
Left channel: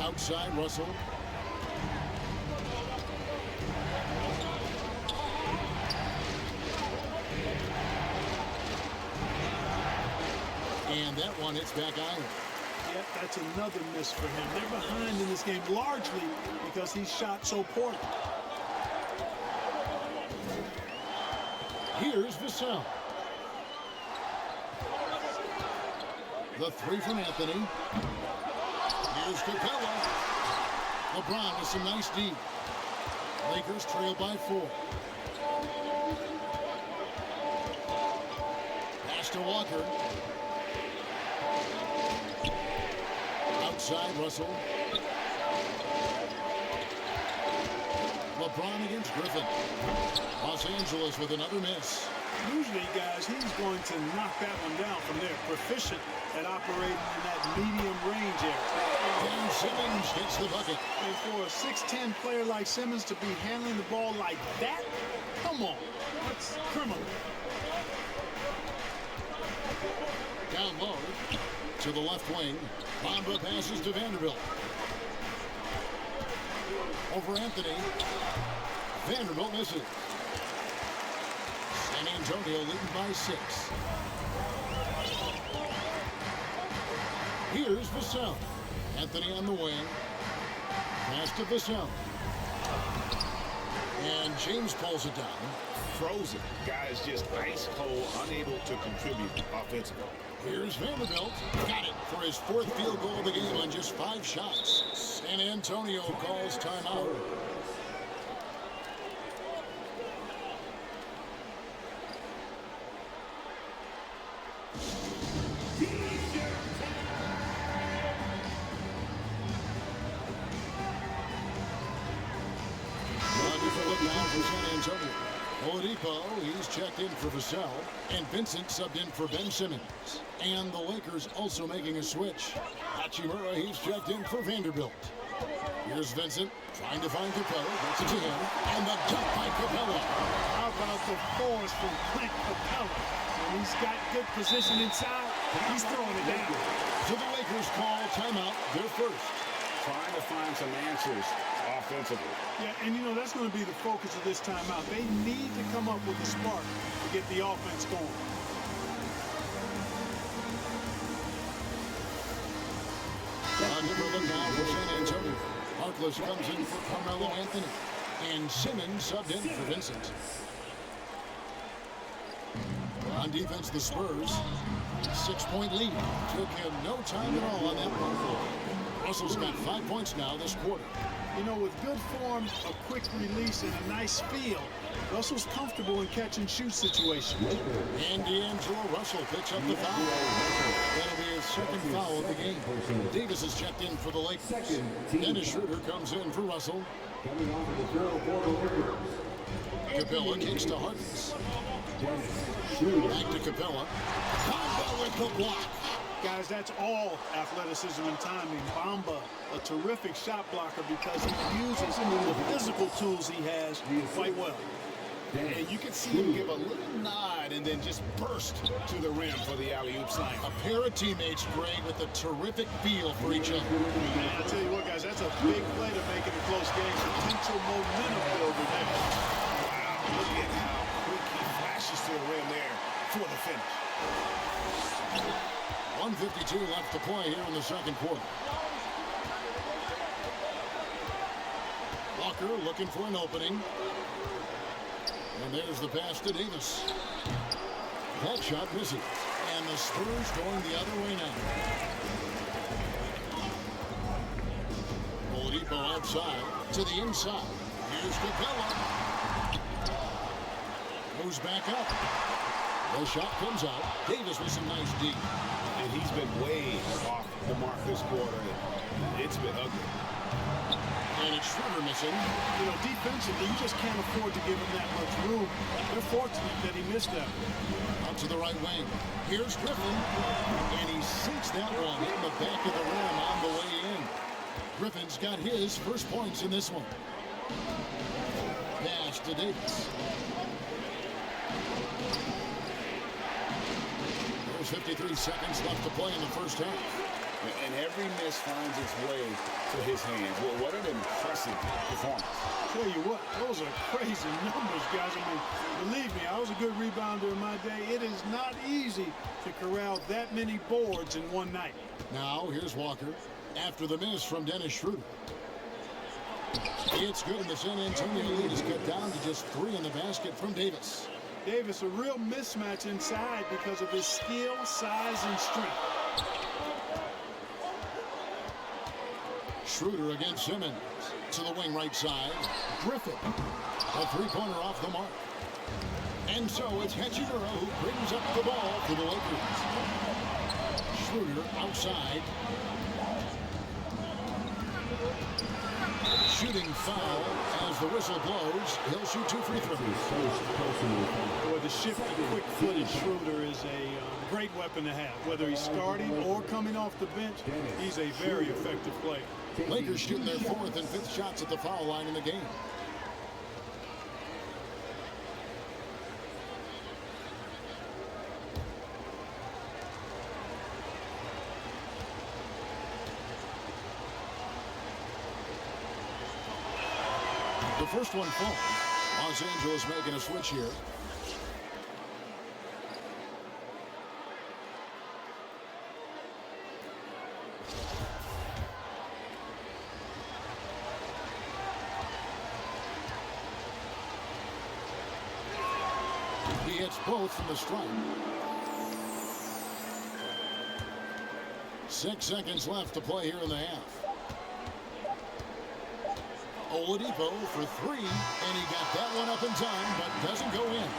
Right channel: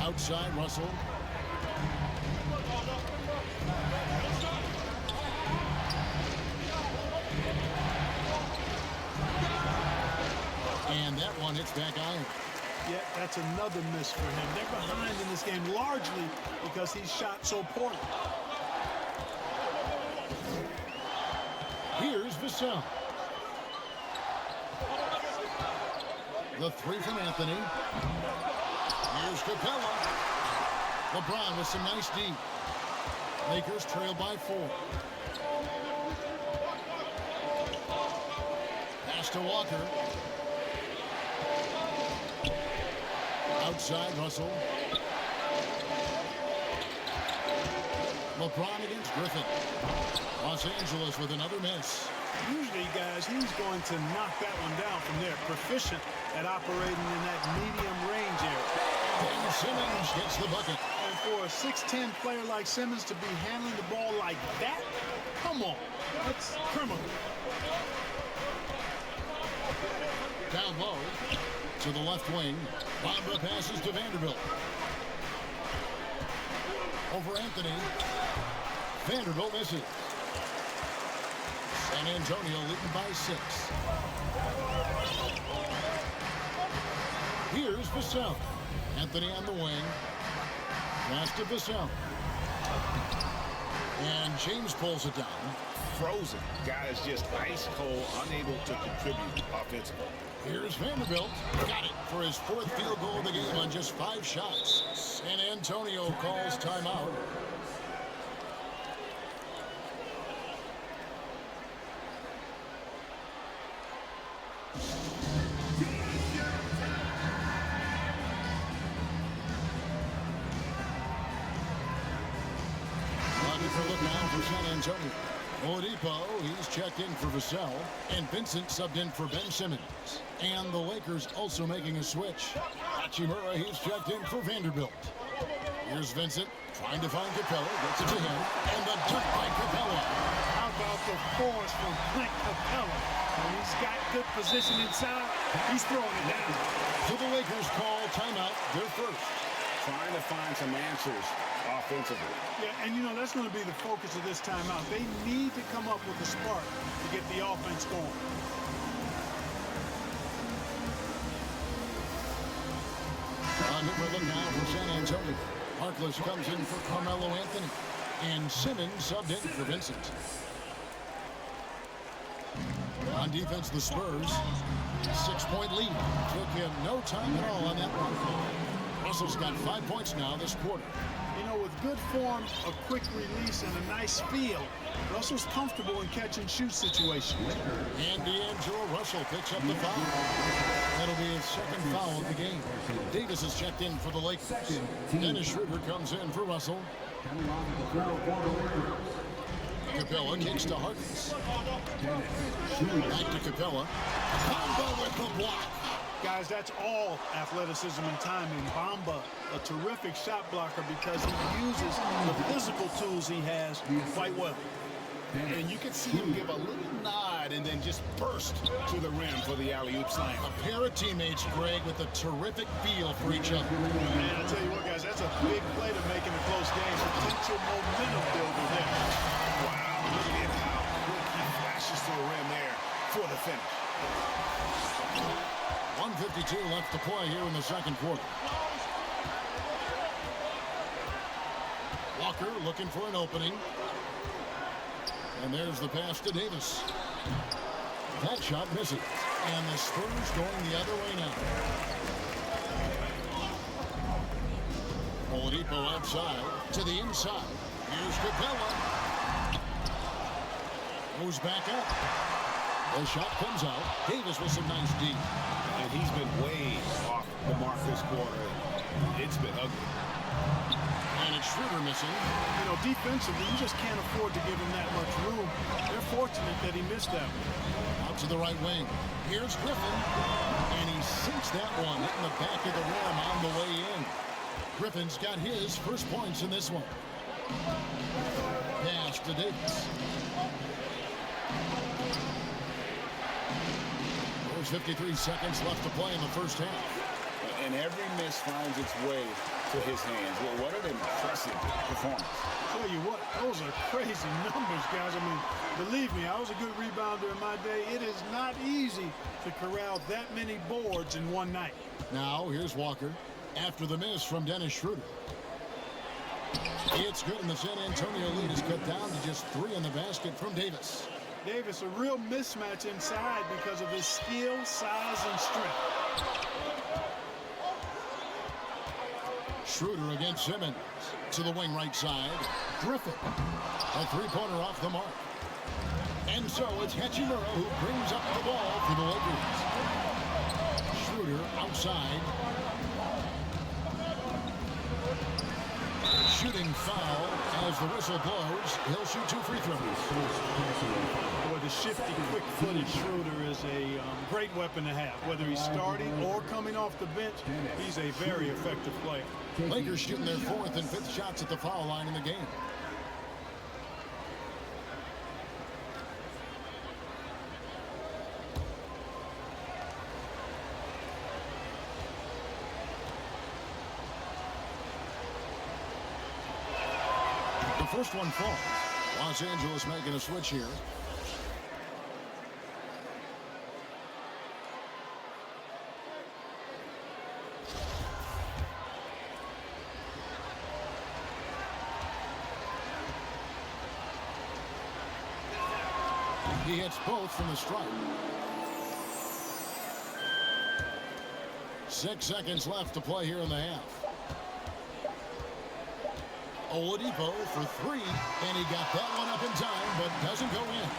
Outside, Russell. And that one hits back iron. Yeah, that's another miss for him. They're behind in this game largely because he shot so poorly. Here's Vassell. The 3 from Anthony. Here's Capella. LeBron with some nice D. Lakers trail by 4. Pass to Walker. Outside, Russell. LeBron against Griffin. Los Angeles with another miss. Usually, guys, he's going to knock that one down from there. Proficient at operating in that medium range area. Ben Simmons gets the bucket. And for a 6'10" player like Simmons to be handling the ball like that, come on, that's criminal. Down low to the left wing. Bamba passes to Vanderbilt. Over Anthony. Vanderbilt misses. San Antonio leading by 6. Here's Vassell. Anthony on the wing. Pass to Vassell. And James pulls it down. Frozen. Guys just ice cold, unable to contribute offensively. Here's Vanderbilt. Got it for his 4th field goal of the game on just 5 shots. San Antonio calls timeout. A different look now for San Antonio. Oladipo, he's checked in for Vassell, and Vincent subbed in for Ben Simmons. And the Lakers also making a switch. Hachimura, he's checked in for Vanderbilt. Here's Vincent trying to find Capella, gets it to him, and the dunk by Capella. How about the force from Clint Capella? And he's got good position inside. He's throwing it down. So the Lakers call timeout, their first. Trying to find some answers offensively. Yeah, and you know, that's going to be the focus of this timeout. They need to come up with a spark to get the offense going. On the look now for San Antonio. Harkless comes in for Carmelo Anthony. And Simmons subbed in for Vincent. On defense, the Spurs. 6-point lead. Took him no time at all on that one. Russell's got 5 points now this quarter. You know, with good form, a quick release, and a nice feel, Russell's comfortable in catch-and-shoot situations. And D'Angelo Russell picks up the foul. That'll be his second foul of the game. Davis is checked in for the Lakers. Dennis Schroeder comes in for Russell. Coming on to the third quarter Lakers. Capella kicks to Harkins. Back to Capella. Combo with the block. Guys, that's all athleticism and timing. Bamba, a terrific shot blocker because he uses the physical tools he has quite well. And you can see him give a little nod and then just burst to the rim for the alley-oop slam. A pair of teammates, Greg, with a terrific feel for each other. Man, I tell you what, guys, that's a big play to make in a close game. Potential momentum builder there. Wow, look at how quick he flashes to the rim there for the finish. 1:52 left to play here in the second quarter. Walker looking for an opening. And there's the pass to Davis. That shot misses. And the Spurs going the other way now. Oladipo outside to the inside. Here's Capella. Goes back up. The shot comes out. Davis with some nice D. And he's been way off the mark this quarter. It's been ugly. And it's Schroeder missing. You know, defensively, you just can't afford to give him that much room. They're fortunate that he missed that one. Out to the right wing. Here's Griffin. And he sinks that one in the back of the rim on the way in. Griffin's got his first points in this one. Pass to Davis. There's 53 seconds left to play in the first half. And every miss finds its way to his hands. Well, what an impressive performance. Tell you what, those are crazy numbers, guys. I mean, believe me, I was a good rebounder in my day. It is not easy to corral that many boards in one night. Now, here's Walker after the miss from Dennis Schroeder. It's good, and the San Antonio lead is cut down to just 3 in the basket from Davis. Davis, a real mismatch inside because of his skill, size, and strength. Schroeder against Simmons to the wing right side. Griffin, a three-pointer off the mark. And so it's Hachimura who brings up the ball for the Lakers. Schroeder outside. Shooting foul as the whistle blows. He'll shoot 2 free throws. Boy, the shifty, quick-footed Schroeder is a great weapon to have. Whether he's starting or coming off the bench, he's a very effective player. Lakers shooting their 4th and 5th shots at the foul line in the game. The first one falls. Los Angeles making a switch here. He hits both from the stripe. 6 seconds left to play here in the half. Oladipo for 3, and he got that one up in time, but doesn't go in.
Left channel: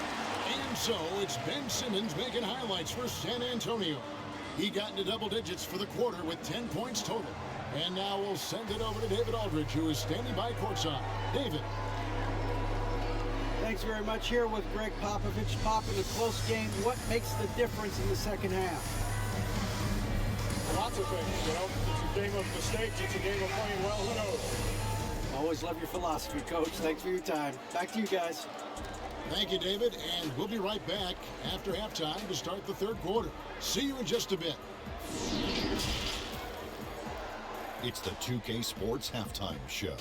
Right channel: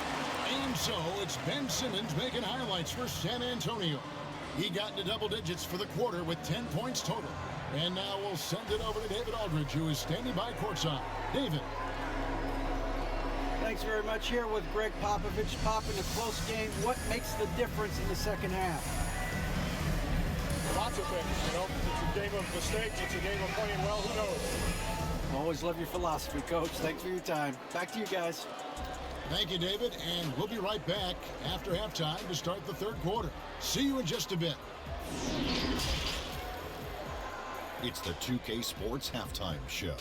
And so it's Ben Simmons making highlights for San Antonio. He got into double digits for the quarter with 10 points total. And now we'll send it over to David Aldridge, who is standing by courtside. David. thanks very much. Here with Greg Popovich. Pop, in a close game, what makes the difference in the second half? Lots of things, you know. It's a game of mistakes. It's a game of playing well. Who knows? Always love your philosophy, Coach. Thanks for your time. Back to you guys. Thank you, David, and we'll be right back after halftime to start the third quarter. See you in just a bit. It's the 2K Sports Halftime Show.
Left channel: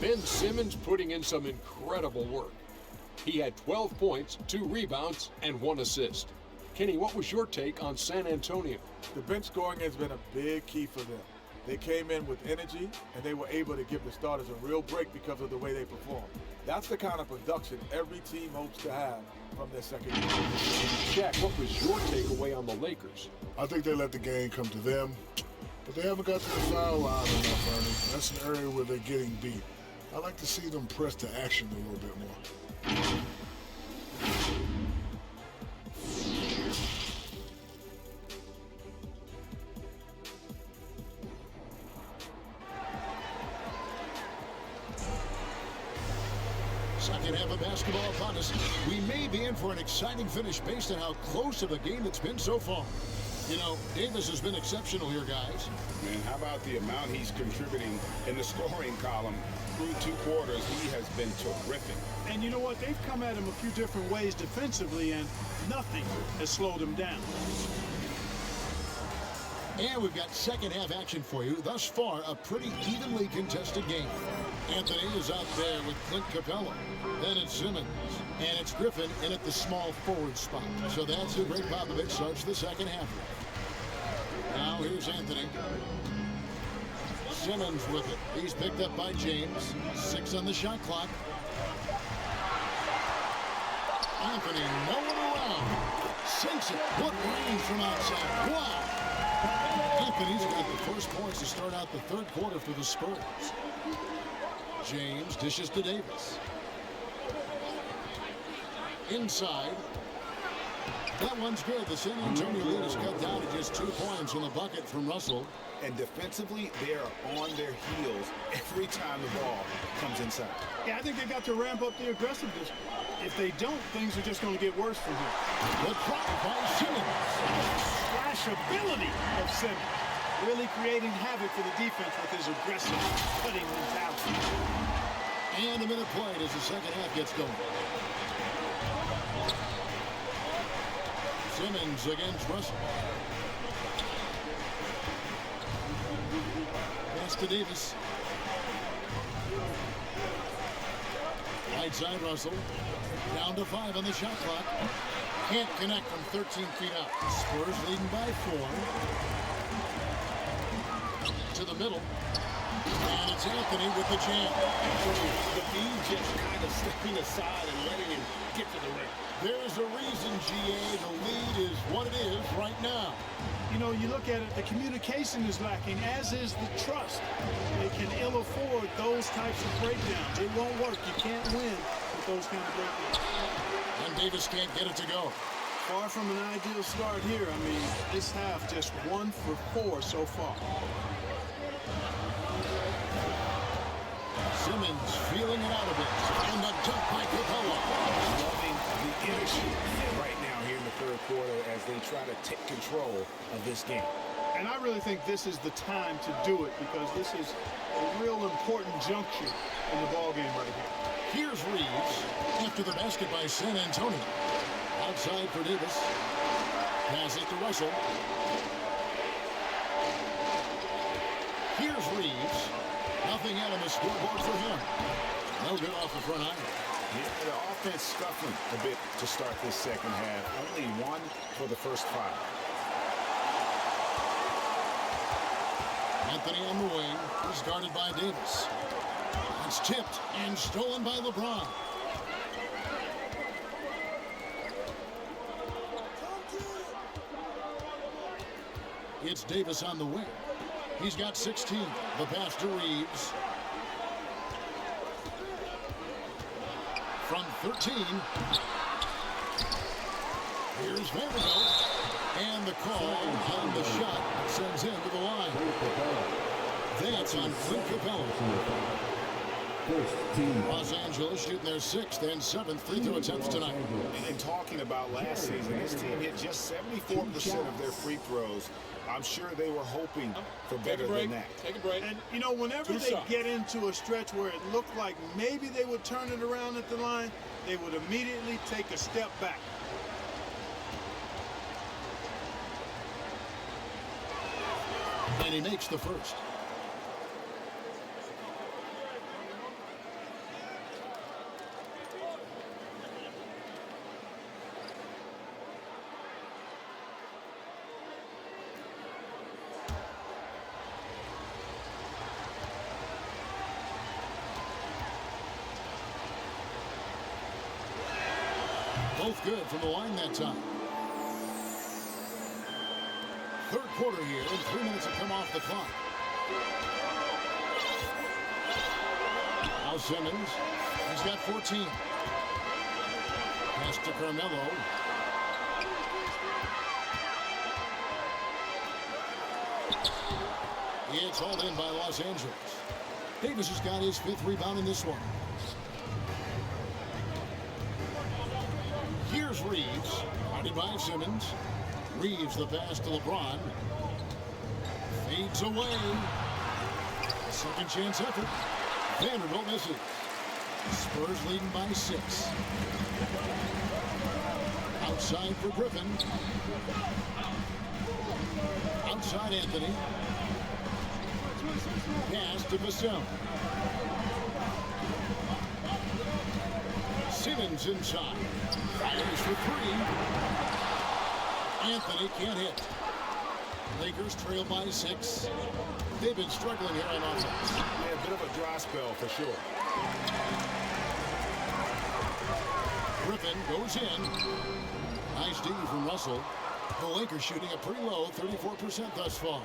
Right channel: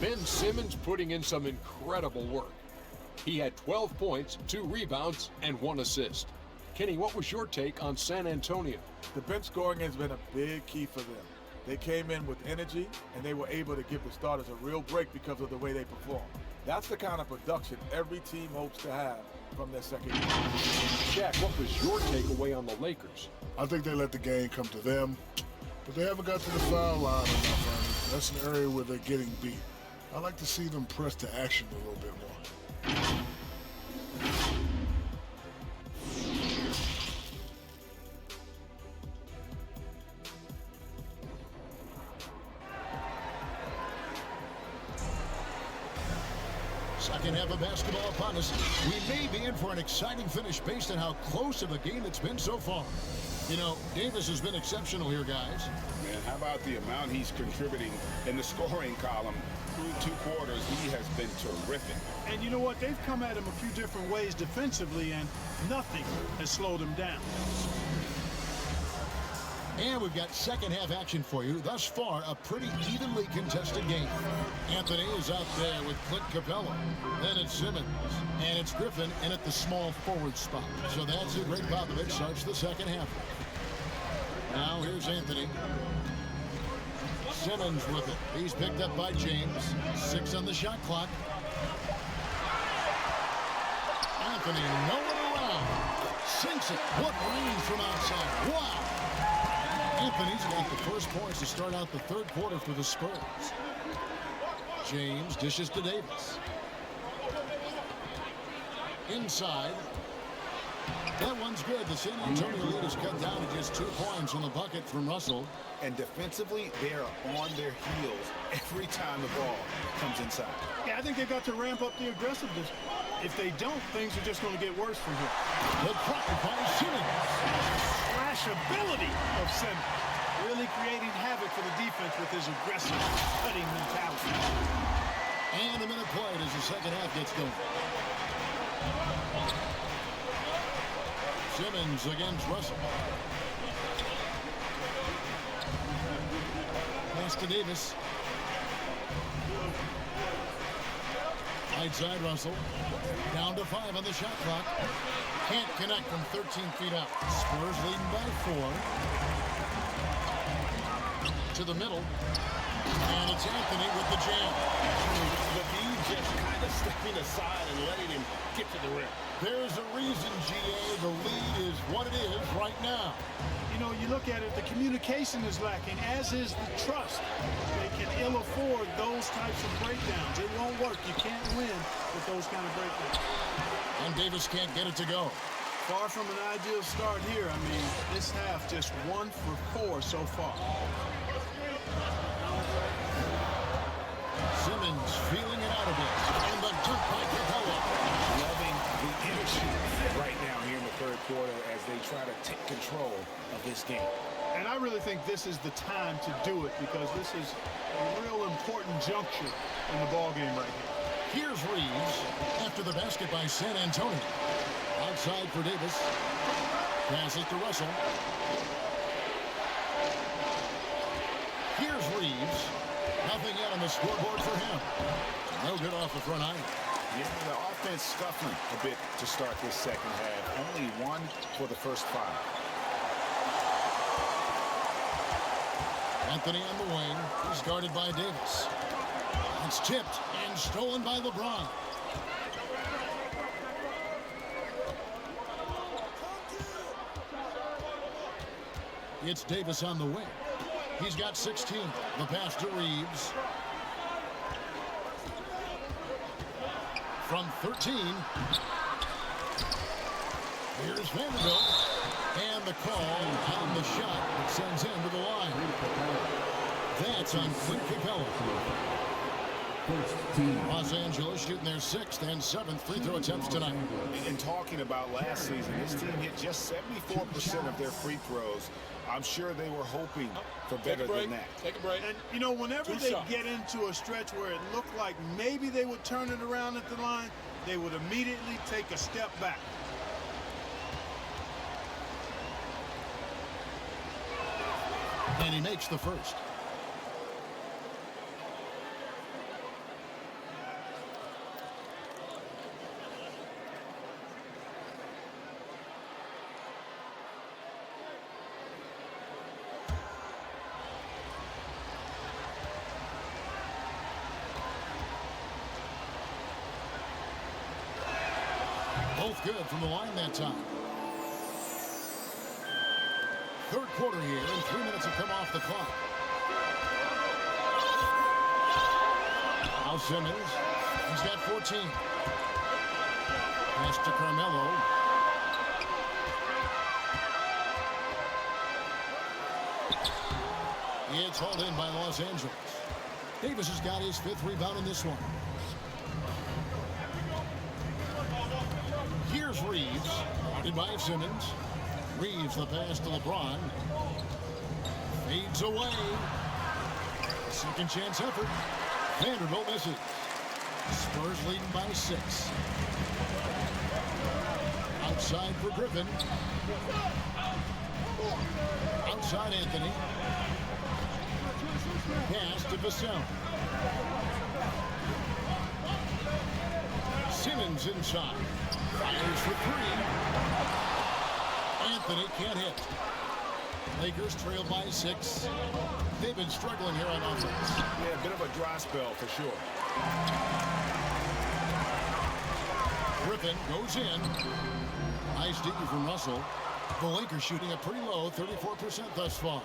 Ben Simmons putting in some incredible work. He had 12 points, 2 rebounds, and 1 assist. Kenny, what was your take on San Antonio? The bench scoring has been a big key for them. They came in with energy, and they were able to give the starters a real break because of the way they performed. That's the kind of production every team hopes to have from their second year. Jack, what was your takeaway on the Lakers? I think they let the game come to them, but they haven't got to the foul line enough, Ernie. That's an area where they're getting beat. I like to see them press to action a little bit more. Second half of basketball upon us. We may be in for an exciting finish based on how close of a game it's been so far. You know, Davis has been exceptional here, guys. Man, how about the amount he's contributing in the scoring column? Through 2 quarters, he has been terrific. And you know what? They've come at him a few different ways defensively, and nothing has slowed him down. And we've got second half action for you. Thus far, a pretty evenly contested game. Anthony is out there with Clint Capella. Then it's Simmons. And it's Griffin in at the small forward spot. So that's who Greg Popovich starts the second half with. Now here's Anthony. Simmons with it. He's picked up by James. 6 on the shot clock. Anthony nowhere around. Sinks it. What range from outside. Wow. Anthony's got the first points to start out the third quarter for the Spurs. James dishes to Davis. Inside. That one's good. The San Antonio lead is cut down to just 2 points on the bucket from Russell. And defensively, they are on their heels every time the ball comes inside. Yeah, I think they've got to ramp up the aggressiveness. If they don't, things are just going to get worse from here. The try by Simmons. Slash ability of Simmons. Really creating havoc for the defense with his aggressive cutting mentality. And a minute played as the second half gets going. Simmons against Russell. Pass to Davis. Right side Russell. Down to 5 on the shot clock. Can't connect from 13 feet out. Spurs leading by 4. To the middle. And it's Anthony with the jam. The D just kind of stepping aside and letting him get to the rim. There's a reason, GA, the lead is what it is right now. You know, you look at it, the communication is lacking, as is the trust. They can ill afford those types of breakdowns. It won't work. You can't win with those kind of breakdowns. And Davis can't get it to go. Far from an ideal start here. I mean, this half just 1 for 4 so far. Simmons feeling it out a bit. And the dunk by Capella. Loving the energy right now here in the third quarter as they try to take control of this game. And I really think this is the time to do it because this is a real important juncture in the ballgame right here. Here's Reeves after the basket by San Antonio. Outside for Davis. Pass it to Russell. Here's Reeves. Nothing yet on the scoreboard for him. No good off the front iron. Yeah, the offense scuffling a bit to start this second half. Only 1 for the first 5. Anthony on the wing. He's guarded by Davis. It's tipped and stolen by LeBron. It's Davis on the wing. He's got 16. The pass to Reeves. from 13. Here's Vanderbilt. And the call on the shot that sends him to the line. That's on Clint Capella. Los Angeles shooting their 6th and 7th free throw attempts tonight. And talking about last season, this team hit just 74% of their free throws. I'm sure they were hoping for better than that. Take a break. And, you know, whenever they get into a stretch where it looked like maybe they would turn it around at the line, they would immediately take a step back. And he makes the first. Both good from the line that time. Third quarter here, and 3 minutes have come off the clock. Now Simmons, he's got 14. Pass to Carmelo. It's hauled in by Los Angeles. Davis has got his 5th rebound in this one. Here's Reeves, guarded by Simmons. Reeves the pass to LeBron. Fades away. Second chance effort. Vanderbilt misses. Spurs leading by 6. Outside for Griffin. Outside Anthony. Pass to Vassell. Simmons inside. Fires for 3. Anthony can't hit. Lakers trail by 6. They've been struggling here on offense. Yeah, a bit of a dry spell for sure. Griffin goes in. Nice D from Russell. The Lakers shooting a pretty low 34% thus far.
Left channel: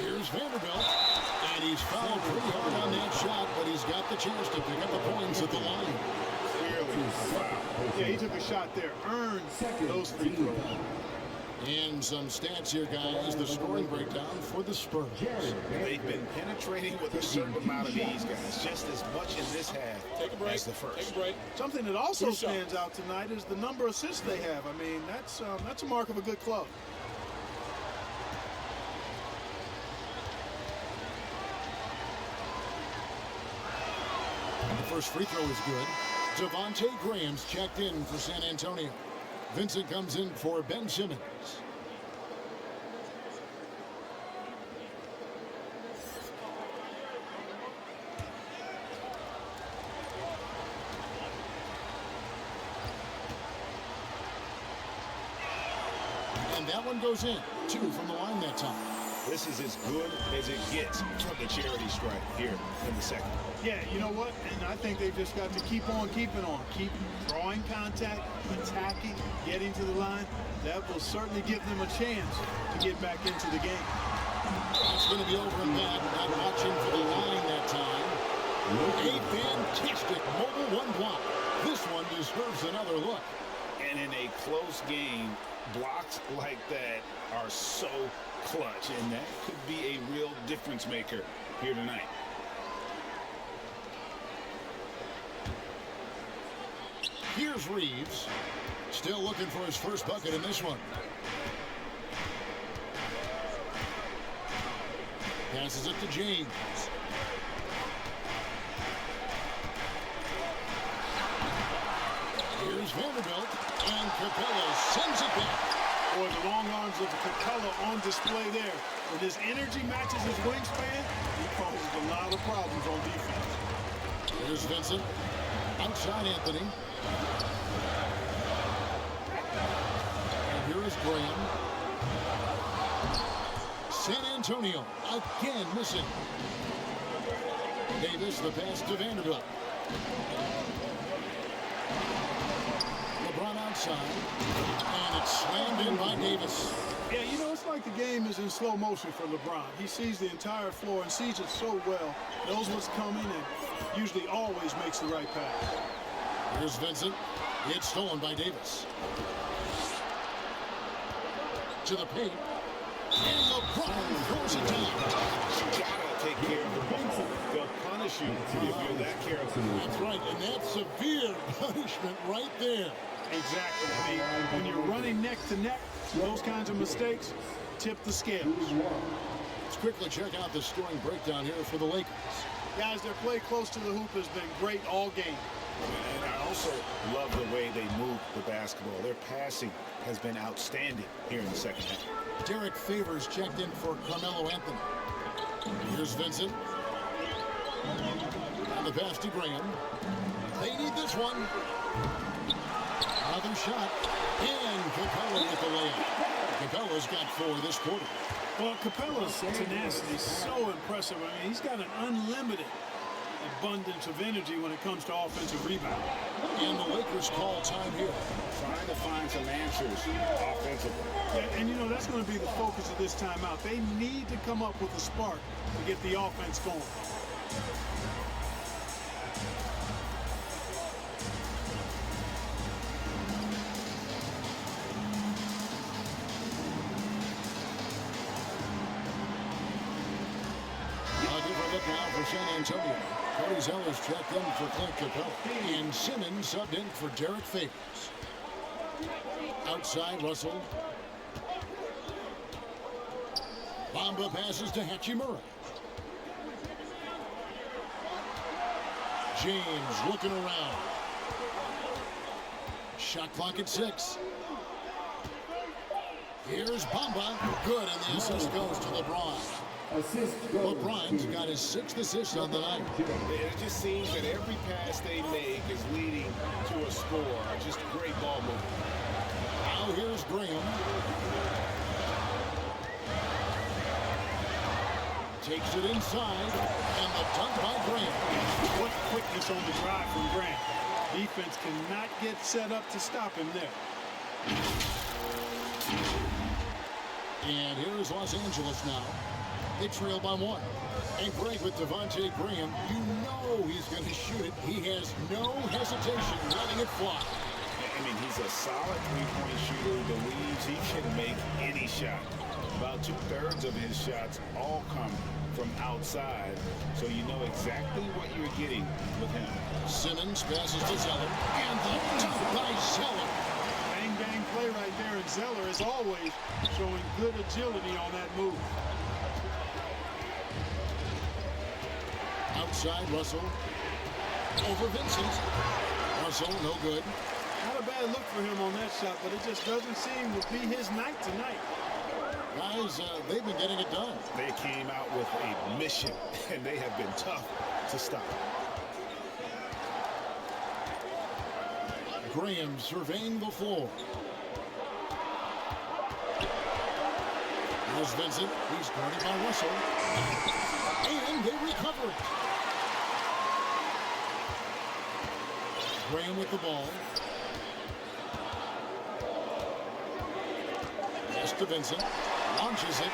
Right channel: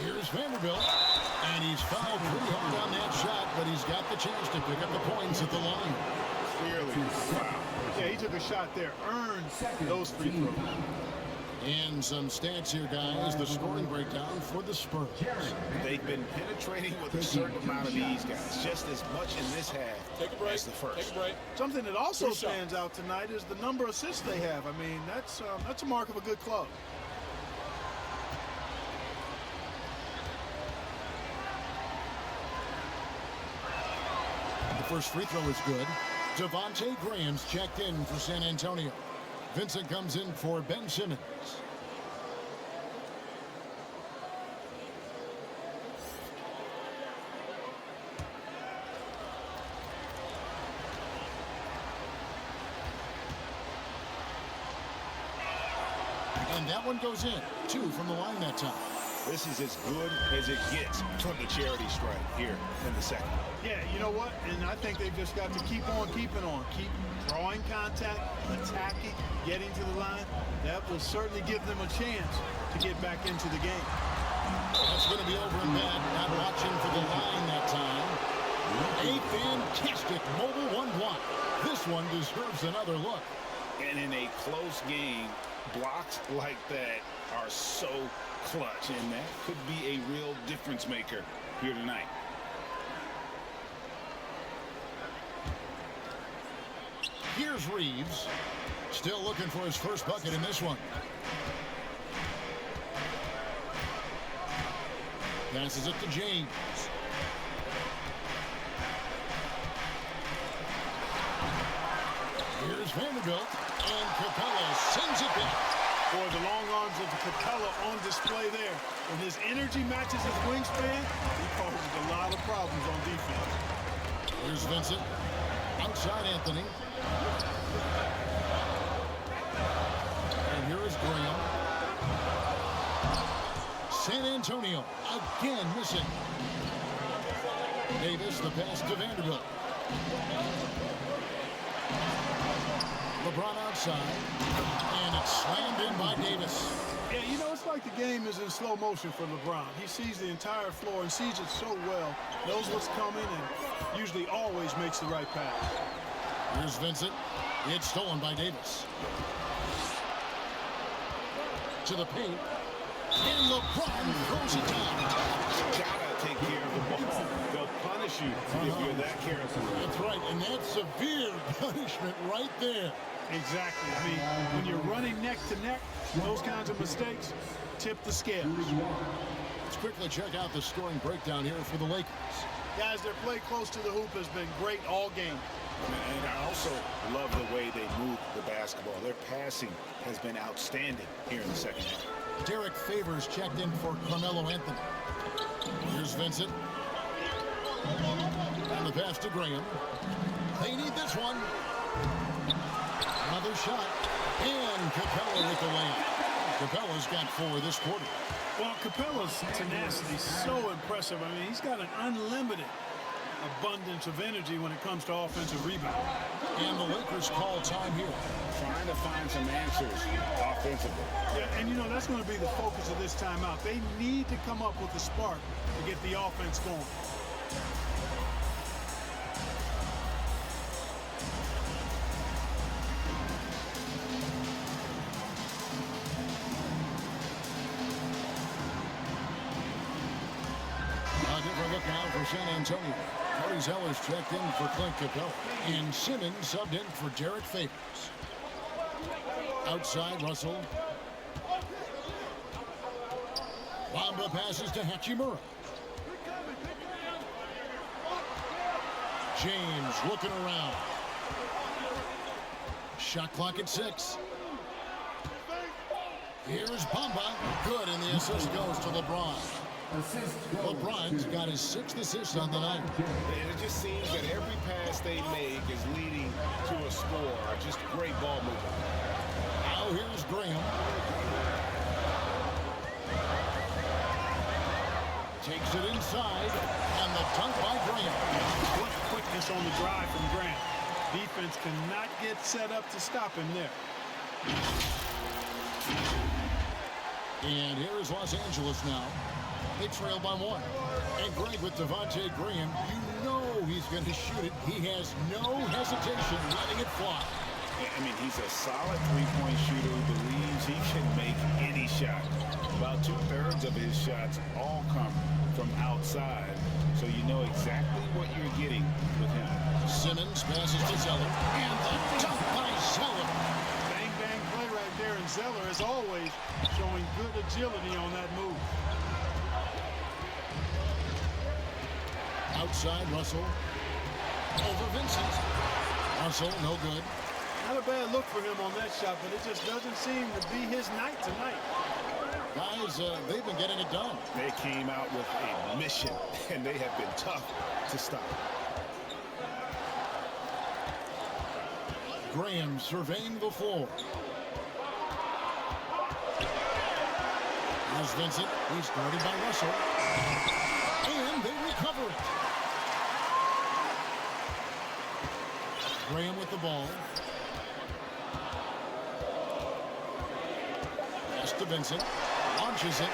Here's Vanderbilt. And he's fouled pretty hard on that shot, but he's got the chance to pick up the points at the line. Clearly a foul. Yeah, he took a shot there, earned those free throws. And some stats here, guys. The scoring breakdown for the Spurs. They've been penetrating with a certain amount of ease, guys. Just as much in this half as the first. Take a break. Something that also stands out tonight is the number of assists they have. I mean, that's a mark of a good club. The first free throw is good. Devontae Graham's checked in for San Antonio. Vincent comes in for Ben Simmons. And that one goes in. 2 from the line that time. This is as good as it gets from the charity stripe here in the second. Yeah, you know what? And I think they've just got to keep on keeping on. Keep drawing contact, attacking, getting to the line. That will certainly give them a chance to get back into the game. That's going to be over and back. Not watching for the line that time. A fantastic mobile 1 block. This one deserves another look. And in a close game, blocks like that are so clutch, and that could be a real difference maker here tonight. Here's Reeves, still looking for his first bucket in this one. Passes it to James. Here's Vanderbilt, and Capella sends it back. Boy, the long arms of Capella on display there. When his energy matches his wingspan, he causes a lot of problems on defense. Here's Vincent. Outside Anthony. And here is Graham. San Antonio again missing. Davis, the pass to Vanderbilt. LeBron outside, and it's slammed in by Davis. Yeah, you know, it's like the game is in slow motion for LeBron. He sees the entire floor and sees it so well, knows what's coming, and usually always makes the right pass. Here's Vincent. It's stolen by Davis. To the paint. And LeBron throws it down. You gotta take care of the ball. They'll punish you if you're that careful. That's right, and that's severe punishment right there. Exactly. I mean, when you're running neck to neck, those kinds of mistakes tip the scales. Let's quickly check out the scoring breakdown here for the Lakers. Guys, their play close to the hoop has been great all game. And I also love the way they move the basketball. Their passing has been outstanding here in the second half. Derek Favors checked in for Carmelo Anthony. Here's Vincent. And the pass to Graham. They need this one. Another shot. And Capella with the layup. Capella's got 4 this quarter. Well, Capella's tenacity is so impressive. I mean, he's got an unlimited abundance of energy when it comes to offensive rebound. And the Lakers call time here. Trying to find some answers offensively. Yeah, and you know, that's going to be the focus of this timeout. They need to come up with a spark to get the offense going. A different look now for San Antonio. Cody Zeller's checked in for Clint Capella. And Simmons subbed in for Derek Favors. Outside, Russell. Bamba passes to Hachimura. James looking around. Shot clock at 6. Here's Bamba. Good, and the assist goes to LeBron. LeBron's got his 6th assist on the night. It just seems that every pass they make is leading to a score. Just great ball movement. Now here's Graham. Takes it inside, and the dunk by Graham. What quickness on the drive from Graham. Defense cannot get set up to stop him there. And here is Los Angeles now. They trail by 1. And Greg with Devontae Graham, you know he's going to shoot it. He has no hesitation letting it fly. I mean, he's a solid three-point shooter who believes he can make any shot. About 2/3 of his shots all come from outside, so you know exactly what you're getting with him. Simmons passes to Zeller, and the dunk by Zeller. Bang, bang play right there, and Zeller, as always, showing good agility on that move. Outside, Russell. Over Vincent. Russell, no good. Not a bad look for him on that shot, but it just doesn't seem to be his night tonight. Guys, they've been getting it done. They came out with a mission, and they have been tough to stop. Graham surveying the floor. Here's Vincent. He's guarded by Russell. And they recover it. Graham with the ball. Pass to Vincent. Launches it.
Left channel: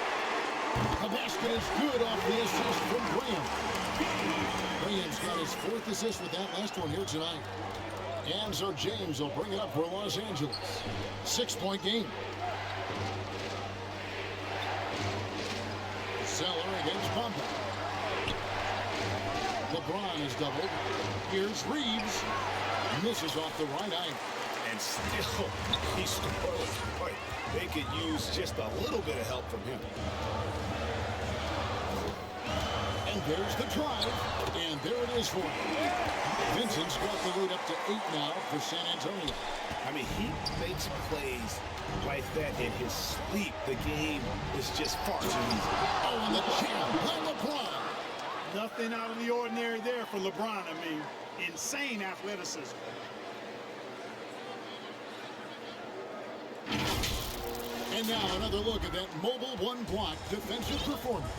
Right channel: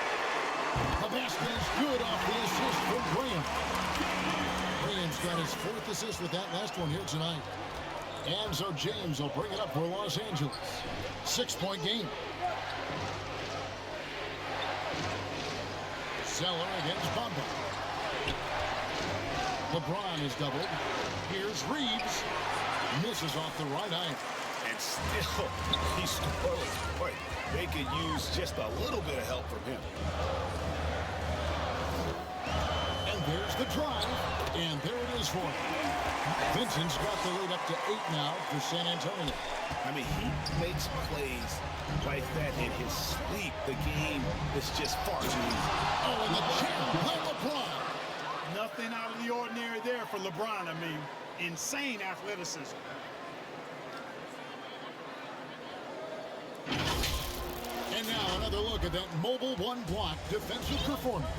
The basket is good off the assist from Graham. Graham's got his 4th assist with that last one here tonight. And so James will bring it up for Los Angeles. 6-point game. Zeller against Bamba. LeBron is doubled. Here's Reeves. Misses off the right eye. And still, he scores. Boy, they could use just a little bit of help from him. And there's the drive. And there it is for him. Vincent's got the lead up to 8 now for San Antonio. I mean, he makes plays like that in his sleep. The game is just far too easy. Oh, and the jam by LeBron. Nothing out of the ordinary there for LeBron. I mean, insane athleticism. And now another look at that mobile one-block defensive performance.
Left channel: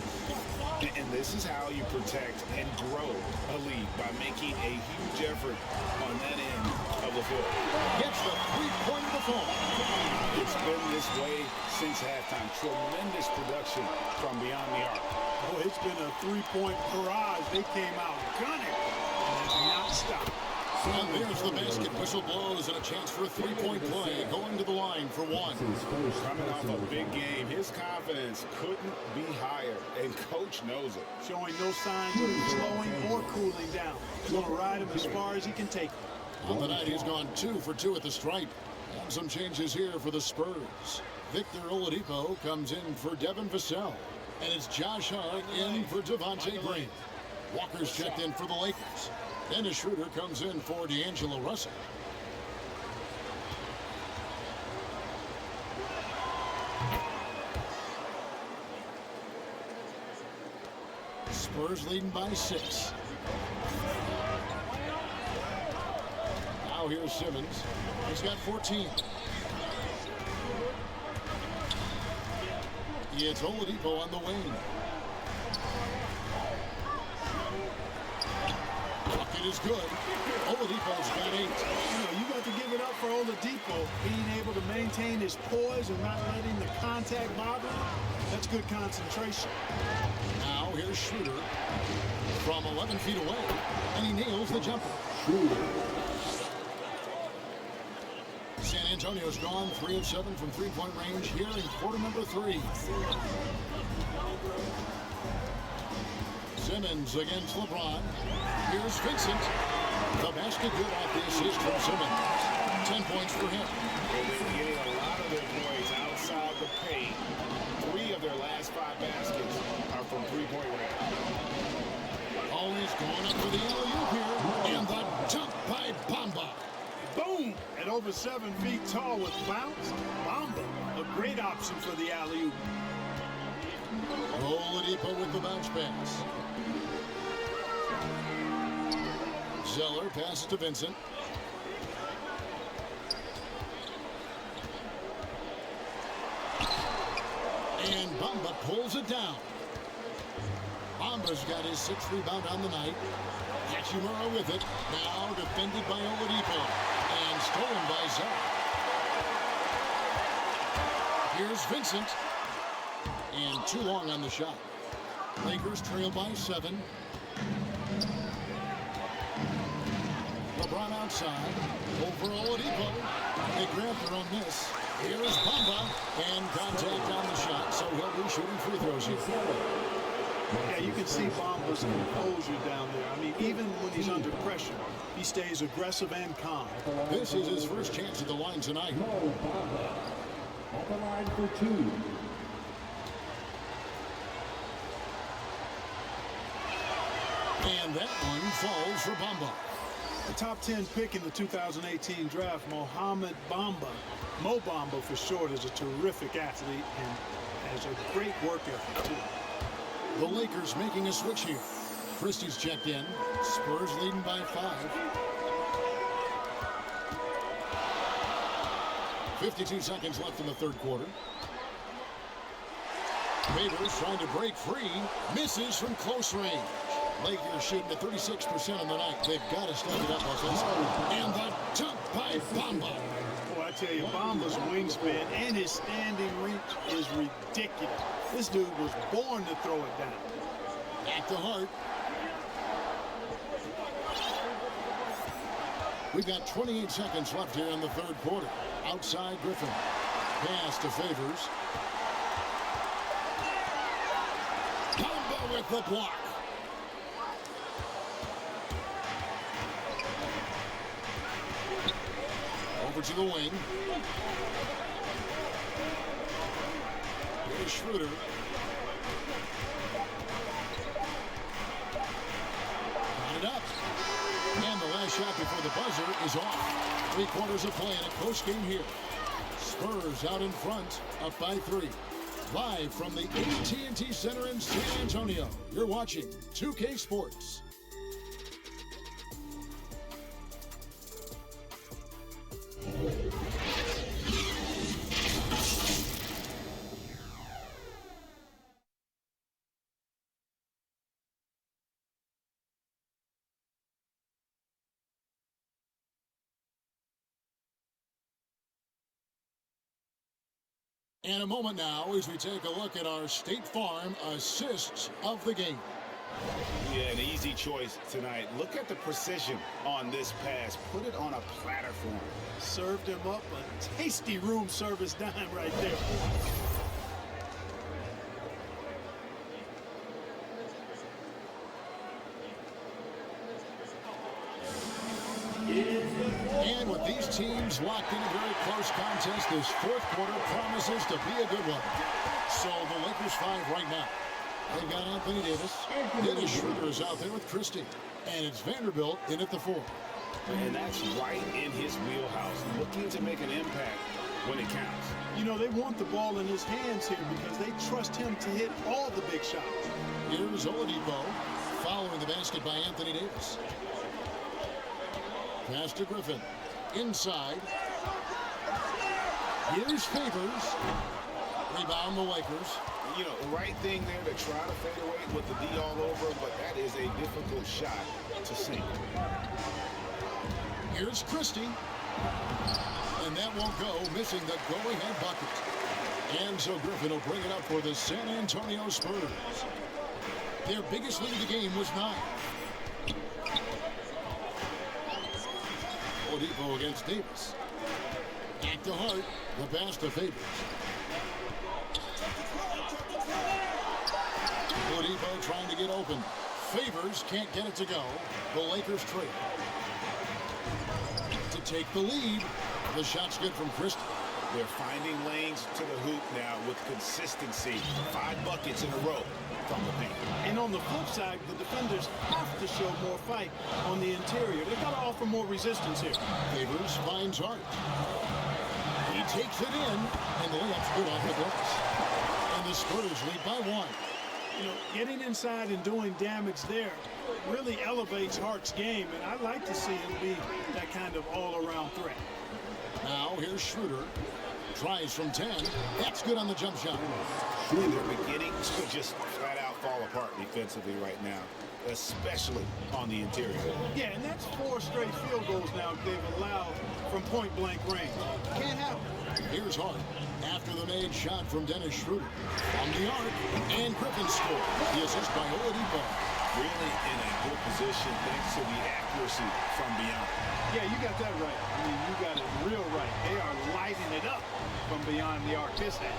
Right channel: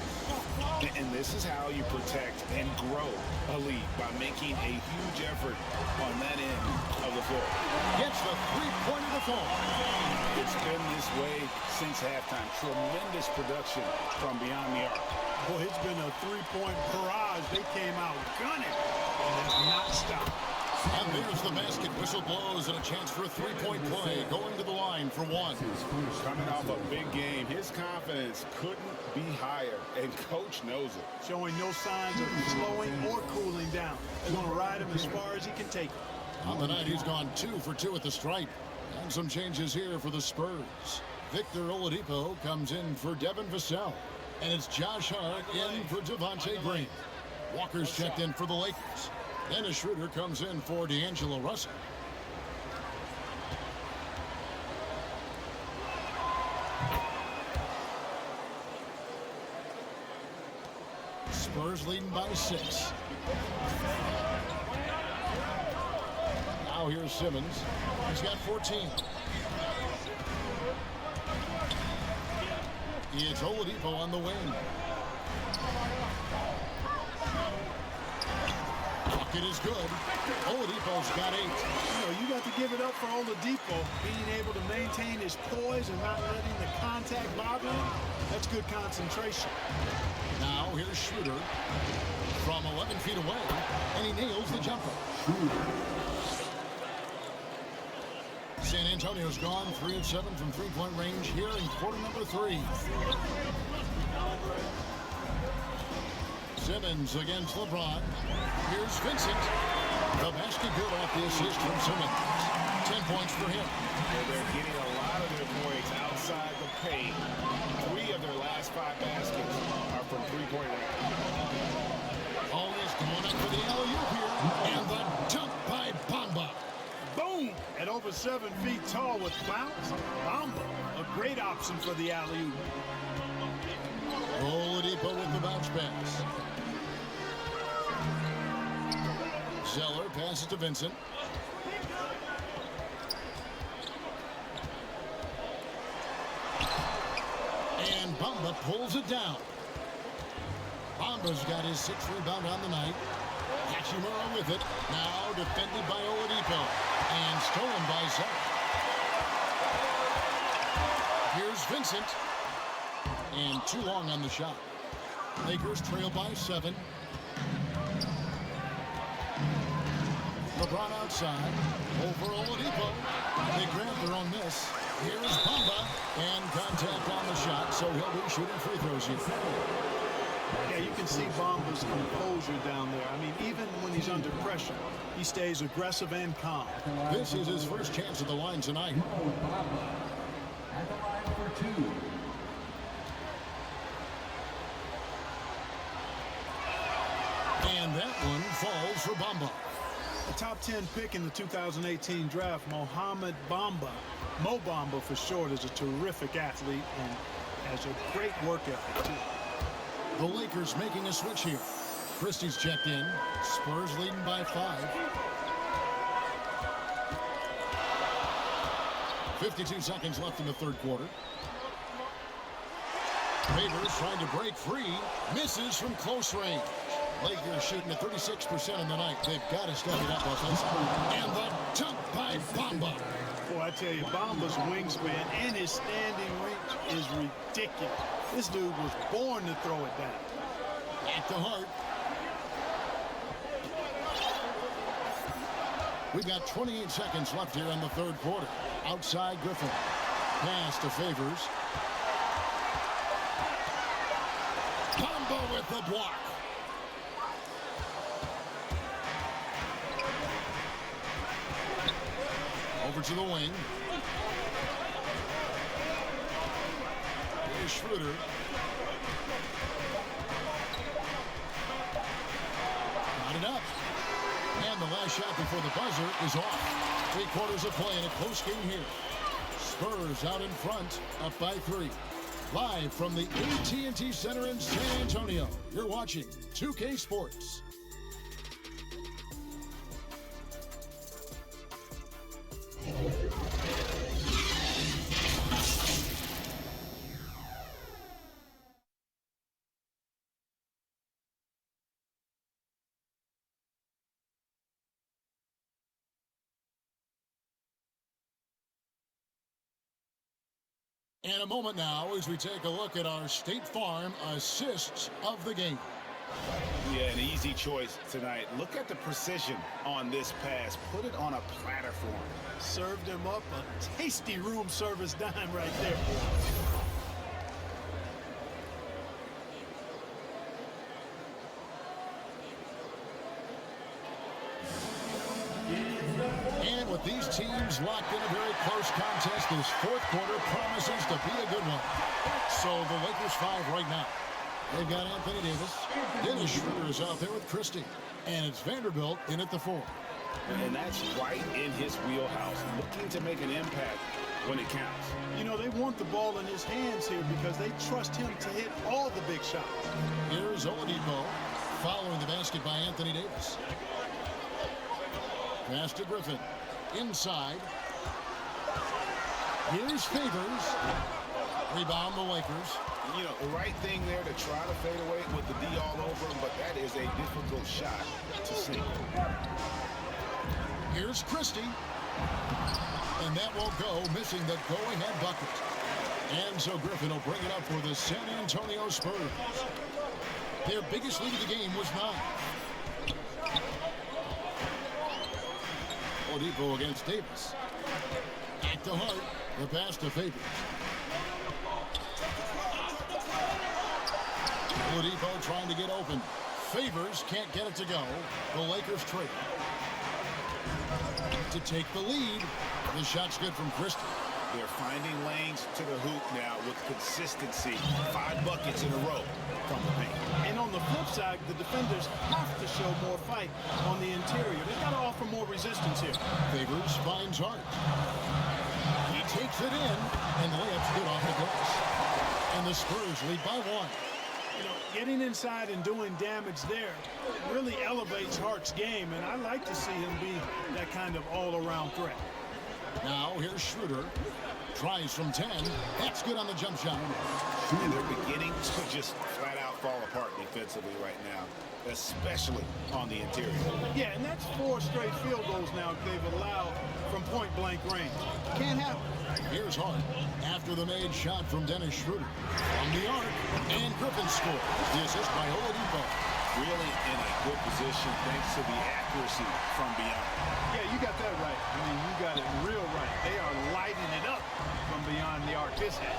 And this is how you protect and grow a lead, by making a huge effort on that end of the floor. Gets the three-point of the fall. It's been this way since halftime. Tremendous production from beyond the arc. Oh, it's been a three-point barrage. They came out gunning and have not stopped. And there's the basket. Whistle blows and a chance for a three-point play. Going to the line for one. Coming off a big game, his confidence couldn't be higher, and coach knows it. Showing no signs of slowing or cooling down. They're going to ride him as far as he can take him. On the night, he's gone 2 for 2 at the stripe. And some changes here for the Spurs. Victor Oladipo comes in for Devin Vassell. And it's Josh Hart in for Devontae Green. Walker's checked in for the Lakers. Dennis Schroeder comes in for D'Angelo Russell. Spurs leading by 6. Now here's Simmons. He's got 14. It's Oladipo on the wing. Bucket is good. Oladipo's got 8. You know, you got to give it up for Oladipo being able to maintain his poise and not letting the contact bother him. That's good concentration. Now here's Schroeder from 11 feet away, and he nails the jumper. San Antonio's gone 3 of 7 from three-point range here in quarter number 3. Simmons against LeBron. Here's Vincent. The basket good off the assist from Simmons. 10 points for him. Well, they're getting a lot of their points outside the paint. 3 of their last 5 baskets are from three-point range. Always going up for the alley-oop here. And the dunk by Bamba. Boom! At over 7 feet tall with bounce, Bamba, a great option for the alley-oop. Oladipo with the bounce pass. Zeller passes to Vincent. And Bamba pulls it down. Bamba's got his 6th rebound on the night. Hachimura with it. Now defended by Oladipo. And stolen by Zeller. Here's Vincent. And too long on the shot. Lakers trail by 7. LeBron outside. Over Oladipo. They grab their own miss. Here's Bamba. And contact on the shot, so he'll be shooting free throws here. Yeah, you can see Bamba's composure down there. I mean, even when he's under pressure, he stays aggressive and calm. This is his first chance at the line tonight. At the line for 2. And that one falls for Bamba. A top 10 pick in the 2018 draft, Mohamed Bamba, Mo Bamba for short, is a terrific athlete and has a great work ethic too. The Lakers making a switch here. Christie's checked in. Spurs leading by 5. 52 seconds left in the third quarter. Favors trying to break free. Misses from close range. Lakers shooting at 36% on the night. They've got to step it up offensively. And the dunk by Bamba. Boy, I tell you, Bamba's wingspan and his standing reach is ridiculous. This dude was born to throw it down. Back to Hart. We've got 28 seconds left here in the third quarter. Outside Griffin. Pass to Favors. Bamba with the block. Over to the wing. Here's Schroeder. Got it up. And the last shot before the buzzer is off. 3 quarters of play in a close game here. Spurs out in front, up by 3. Live from the AT&T Center in San Antonio, you're watching 2K Sports. And a moment now as we take a look at our State Farm assists of the game. Yeah, an easy choice tonight. Look at the precision on this pass. Put it on a platter for him. Served him up a tasty room service dime right there. And with these teams locked in a very close contest, this fourth quarter promises to be a good one. So the Lakers 5 right now. They've got Anthony Davis. Dennis Schroeder is out there with Christie. And it's Vanderbilt in at the 4. And that's right in his wheelhouse, looking to make an impact when it counts. You know, they want the ball in his hands here because they trust him to hit all the big shots. Here's Oladipo following the basket by Anthony Davis. Pass to Griffin. Inside. Here's Favors. Rebound the Lakers. You know, the right thing there to try to fade away with the D all over him, but that is a difficult shot to sink. Here's Christie. And that won't go, missing the go-ahead bucket. And so Griffin will bring it up for the San Antonio Spurs. Their biggest lead of the game was 9. Oladipo against Davis. At the heart, the pass to Favors. Oladipo trying to get open. Favors can't get it to go. The Lakers trail. To take the lead, the shot's good from Christie. They're finding lanes to the hoop now with consistency. 5 buckets in a row from the paint. And on the flip side, the defenders have to show more fight on the interior. They've got to offer more resistance here. Favors finds Hart. He takes it in, and the layup's good off the glass. And the Spurs lead by 1. You know, getting inside and doing damage there really elevates Hart's game, and I like to see him be that kind of all-around threat. Now here's Schroeder. Tries from 10. That's good on the jump shot. And they're beginning to just flat out fall apart defensively right now, especially on the interior. Yeah, and that's 4 straight field goals now they've allowed from point-blank range. Can't happen. Here's Hart after the made shot from Dennis Schroeder. From the arc, and Griffin scores. The assist by Oladipo. Really in a good position thanks to the accuracy from beyond. Yeah, you got that right. I mean, you got it real right. They are lighting it up from beyond the arc this half.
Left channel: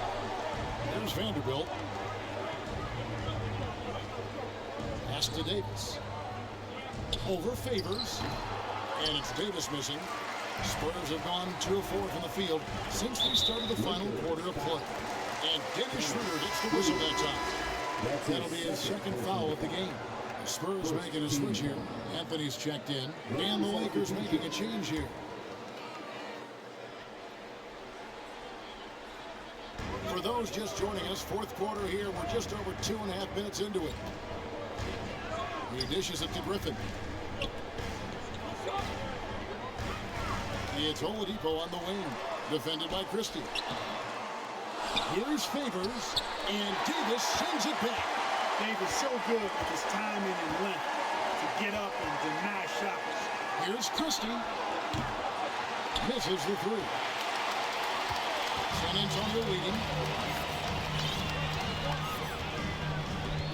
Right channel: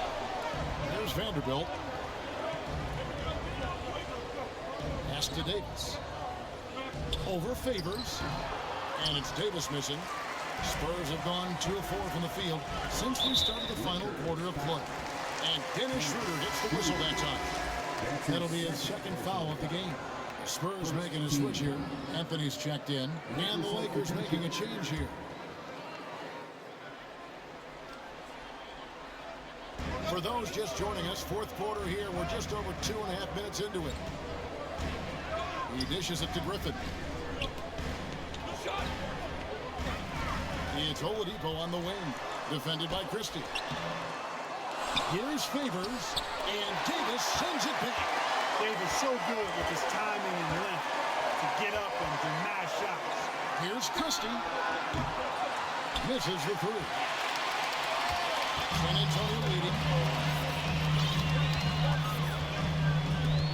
There's Vanderbilt. Pass to Davis. Over Favors. And it's Davis missing. Spurs have gone 2 of 4 from the field since we started the final quarter of play. And Dennis Schroeder gets the whistle that time. That'll be his second foul of the game. The Spurs making a switch here. Anthony's checked in. And the Lakers making a change here. For those just joining us, fourth quarter here. We're just over 2.5 minutes into it. He dishes it to Griffin. It's Oladipo on the wing, defended by Christie. Here's Favors, and Davis sends it back. Davis so good with his timing and length to get up and deny shots. Here's Christie. Misses the 3. San Antonio leading.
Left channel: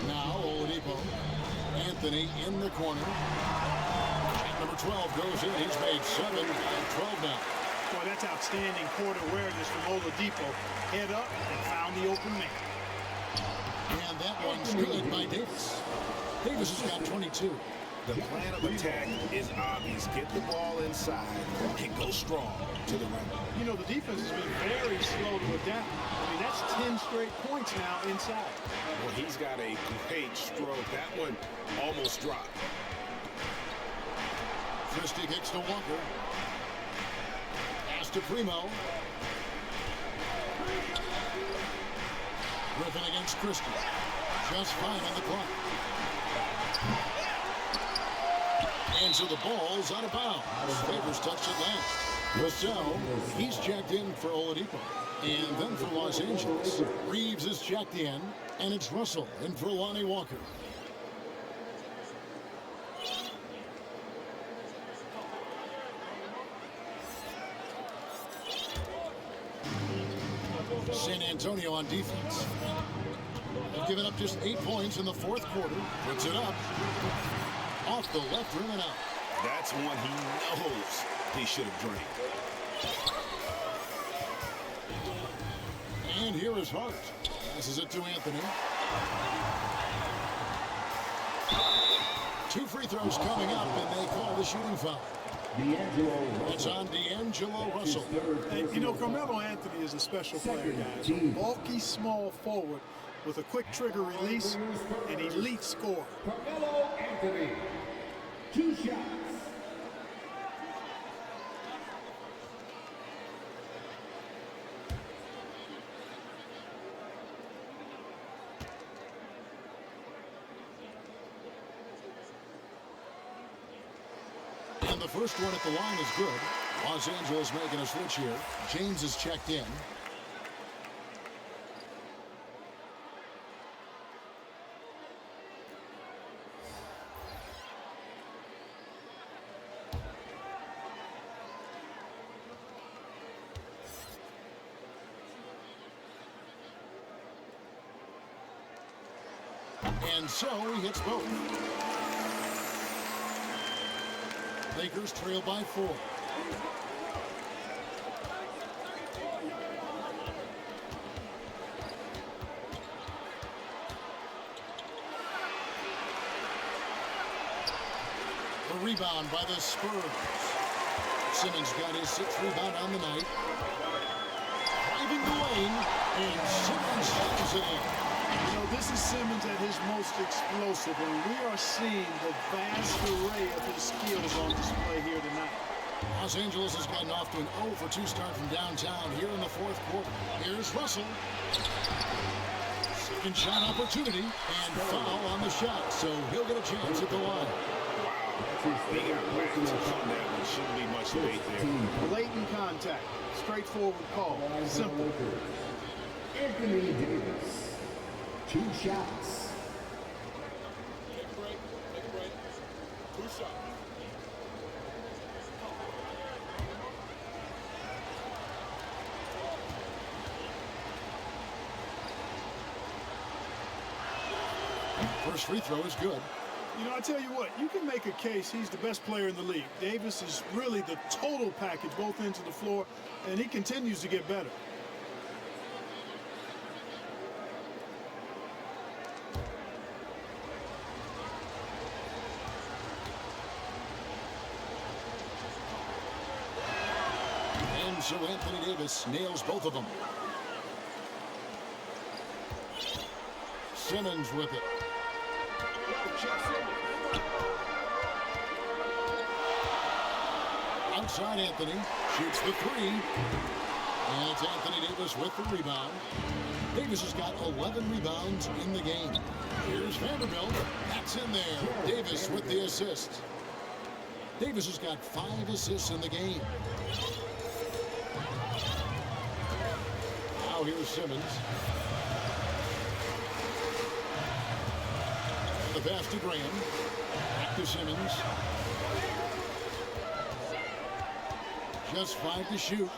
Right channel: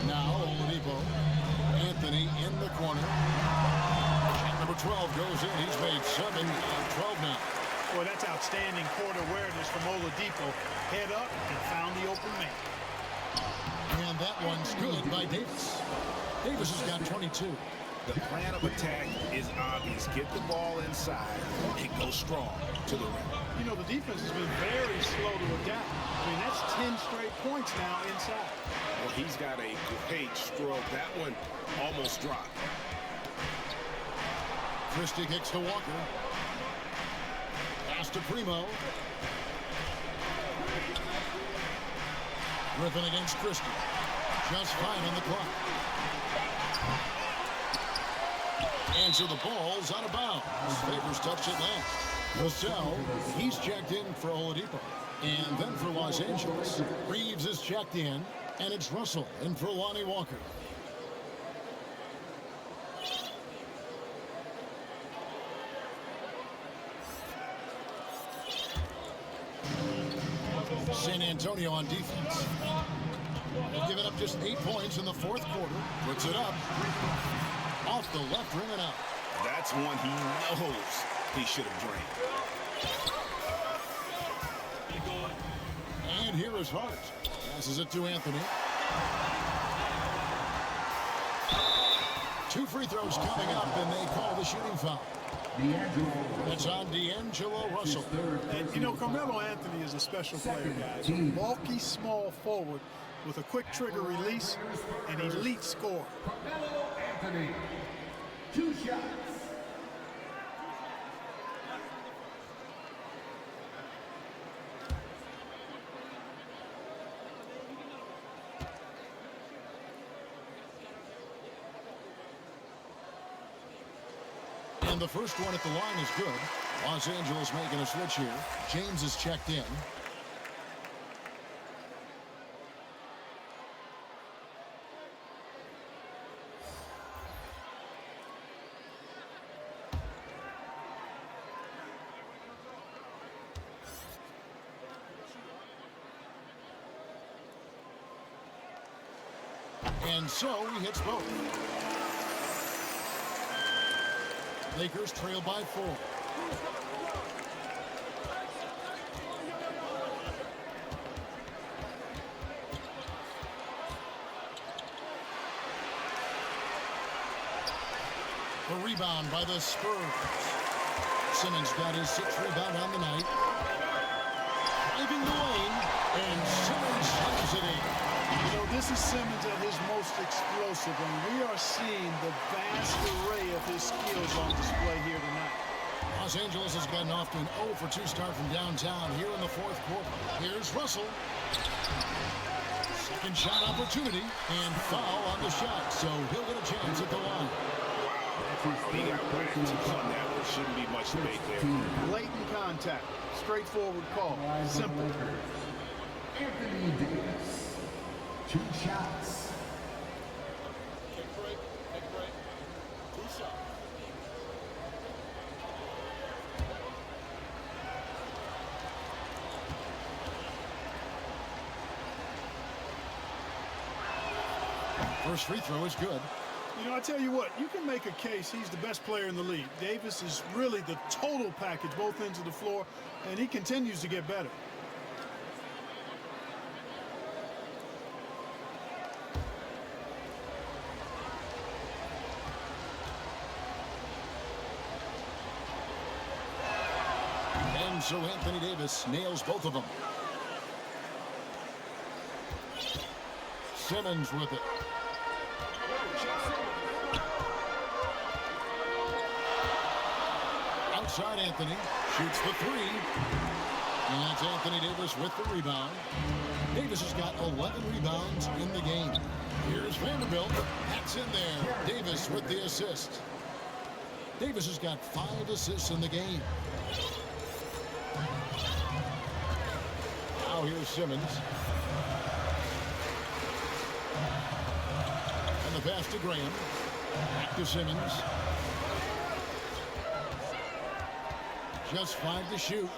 Now Oladipo. Anthony in the corner. Number 12 goes in. He's made 7 of 12 now. Boy, that's outstanding court awareness from Oladipo. Head up and found the open man. And that one's good by Davis. Davis has got 22. The plan of attack is obvious. Get the ball inside and go strong to the rim. You know, the defense has been very slow to adapt. I mean, that's 10 straight points now inside. Well, he's got a great stroke. That one almost dropped. Christie kicks to Walker. Pass to Primo. Griffin against Christie. Just 5 on the clock. And so the ball's out of bounds. Favors touched it last. Vassell, he's checked in for Oladipo. And then for Los Angeles, Reeves is checked in. And it's Russell in for Lonnie Walker. San Antonio on defense. They've given up just 8 points in the fourth quarter. Puts it up. Off the left rim and out. That's one he knows he should have drained. And here is Hart. Passes it to Anthony. 2 free throws coming up, and they call the shooting foul. That's on D'Angelo Russell. And, you know, Carmelo Anthony is a special player, guys. A bulky, small forward with a quick trigger release and elite score. Carmelo Anthony, 2 shots. And the first one at the line is good. Los Angeles making a switch here. James is checked in. And so he hits both. Lakers trail by 4. The rebound by the Spurs. Simmons got his 6th rebound on the night. Driving the lane, and Simmons slams it in. You know, this is Simmons at his most explosive, and we are seeing the vast array of his skills on display here tonight. Los Angeles has gotten off to an 0 for 2 start from downtown here in the fourth quarter. Here's Russell. Second shot opportunity, and foul on the shot, so he'll get a chance at the line. Wow, he got whacked on that one. Shouldn't be much debate there. Blatant contact, straightforward call, simple. Anthony Davis, 2 shots. Take a break. Take a break. 2 shots. First free throw is good. You know, I tell you what, you can make a case he's the best player in the league. Davis is really the total package, both ends of the floor, and he continues to get better. And so Anthony Davis nails both of them. Simmons with it. Outside Anthony shoots the 3. And it's Anthony Davis with the rebound. Davis has got 11 rebounds in the game. Here's Vanderbilt. That's in there. Davis with the assist. Davis has got 5 assists in the game. Now here's Simmons. And the pass to Graham. Back to Simmons. Just 5 to shoot.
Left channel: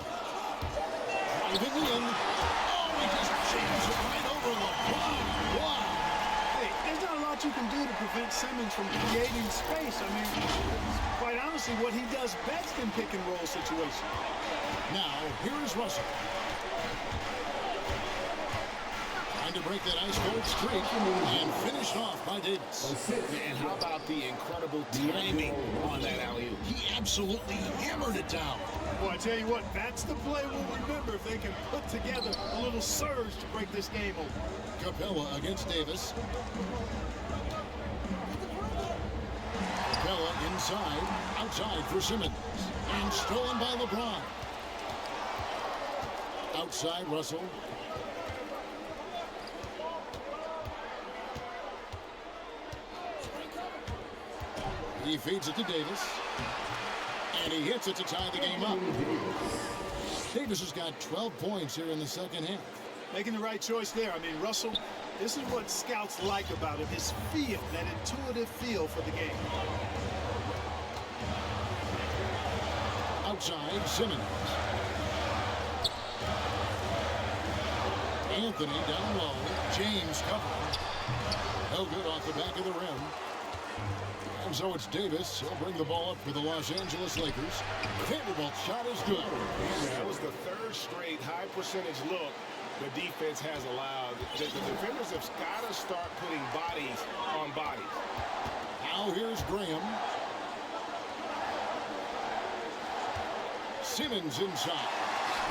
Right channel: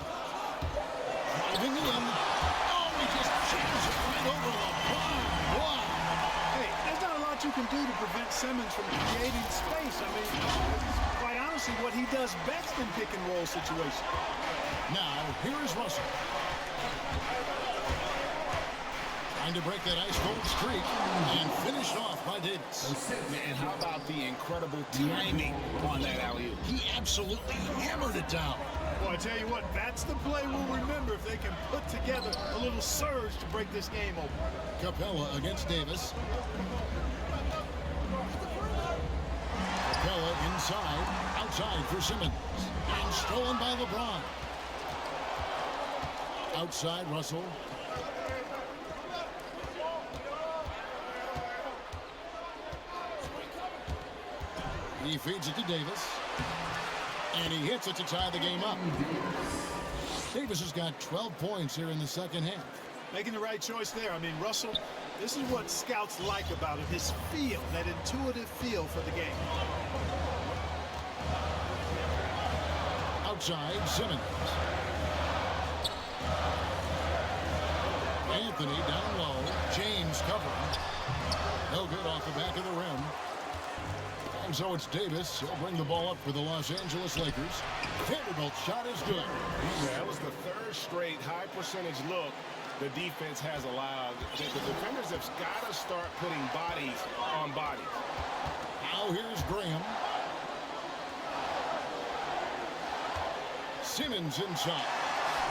Driving in. Oh, he just jams it right over LeBron. Wow. Hey, there's not a lot you can do to prevent Simmons from creating space. I mean, it's quite honestly what he does best in pick and roll situations. Now, here is Russell. Trying to break that ice-cold streak and finished off by Davis. And how about the incredible timing on that alley-oop? He absolutely hammered it down. Well, I tell you what, that's the play we'll remember if they can put together a little surge to break this game open. Capella against Davis. Capella inside, outside for Simmons. And stolen by LeBron. Outside Russell. He feeds it to Davis. And he hits it to tie the game up. Davis has got 12 points here in the second half. Making the right choice there. I mean, Russell, this is what scouts like about him, his feel, that intuitive feel for the game. Outside, Simmons. Anthony down low. James covering. No good off the back of the rim. And so it's Davis. He'll bring the ball up for the Los Angeles Lakers. Vanderbilt's shot is good. That was the third straight high percentage look the defense has allowed. The defenders have got to start putting bodies on bodies. Now here's Graham. Simmons inside.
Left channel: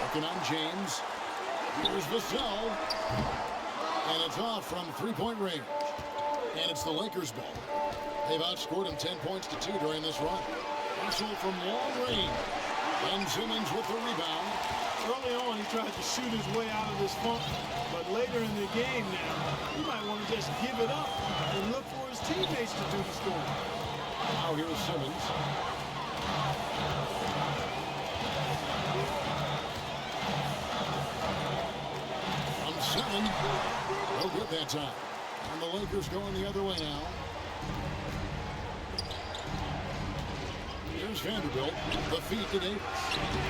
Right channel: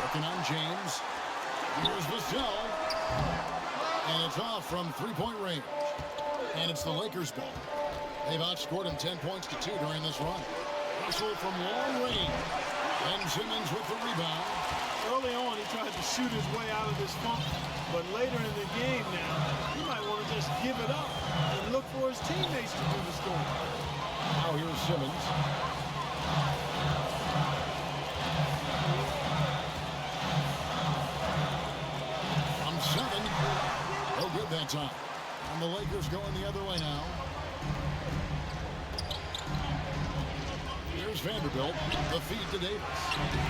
Working on James. Here's Vassell. And it's off from three-point range. And it's the Lakers' ball. They've outscored him 10 points to 2 during this run. Russell from long range. And Simmons with the rebound. Early on, he tried to shoot his way out of this funk, but later in the game now, he might want to just give it up and look for his teammates to do the scoring. Now here's Simmons. From 7. No good that time. And the Lakers going the other way now. Here's Vanderbilt. The feed to Davis.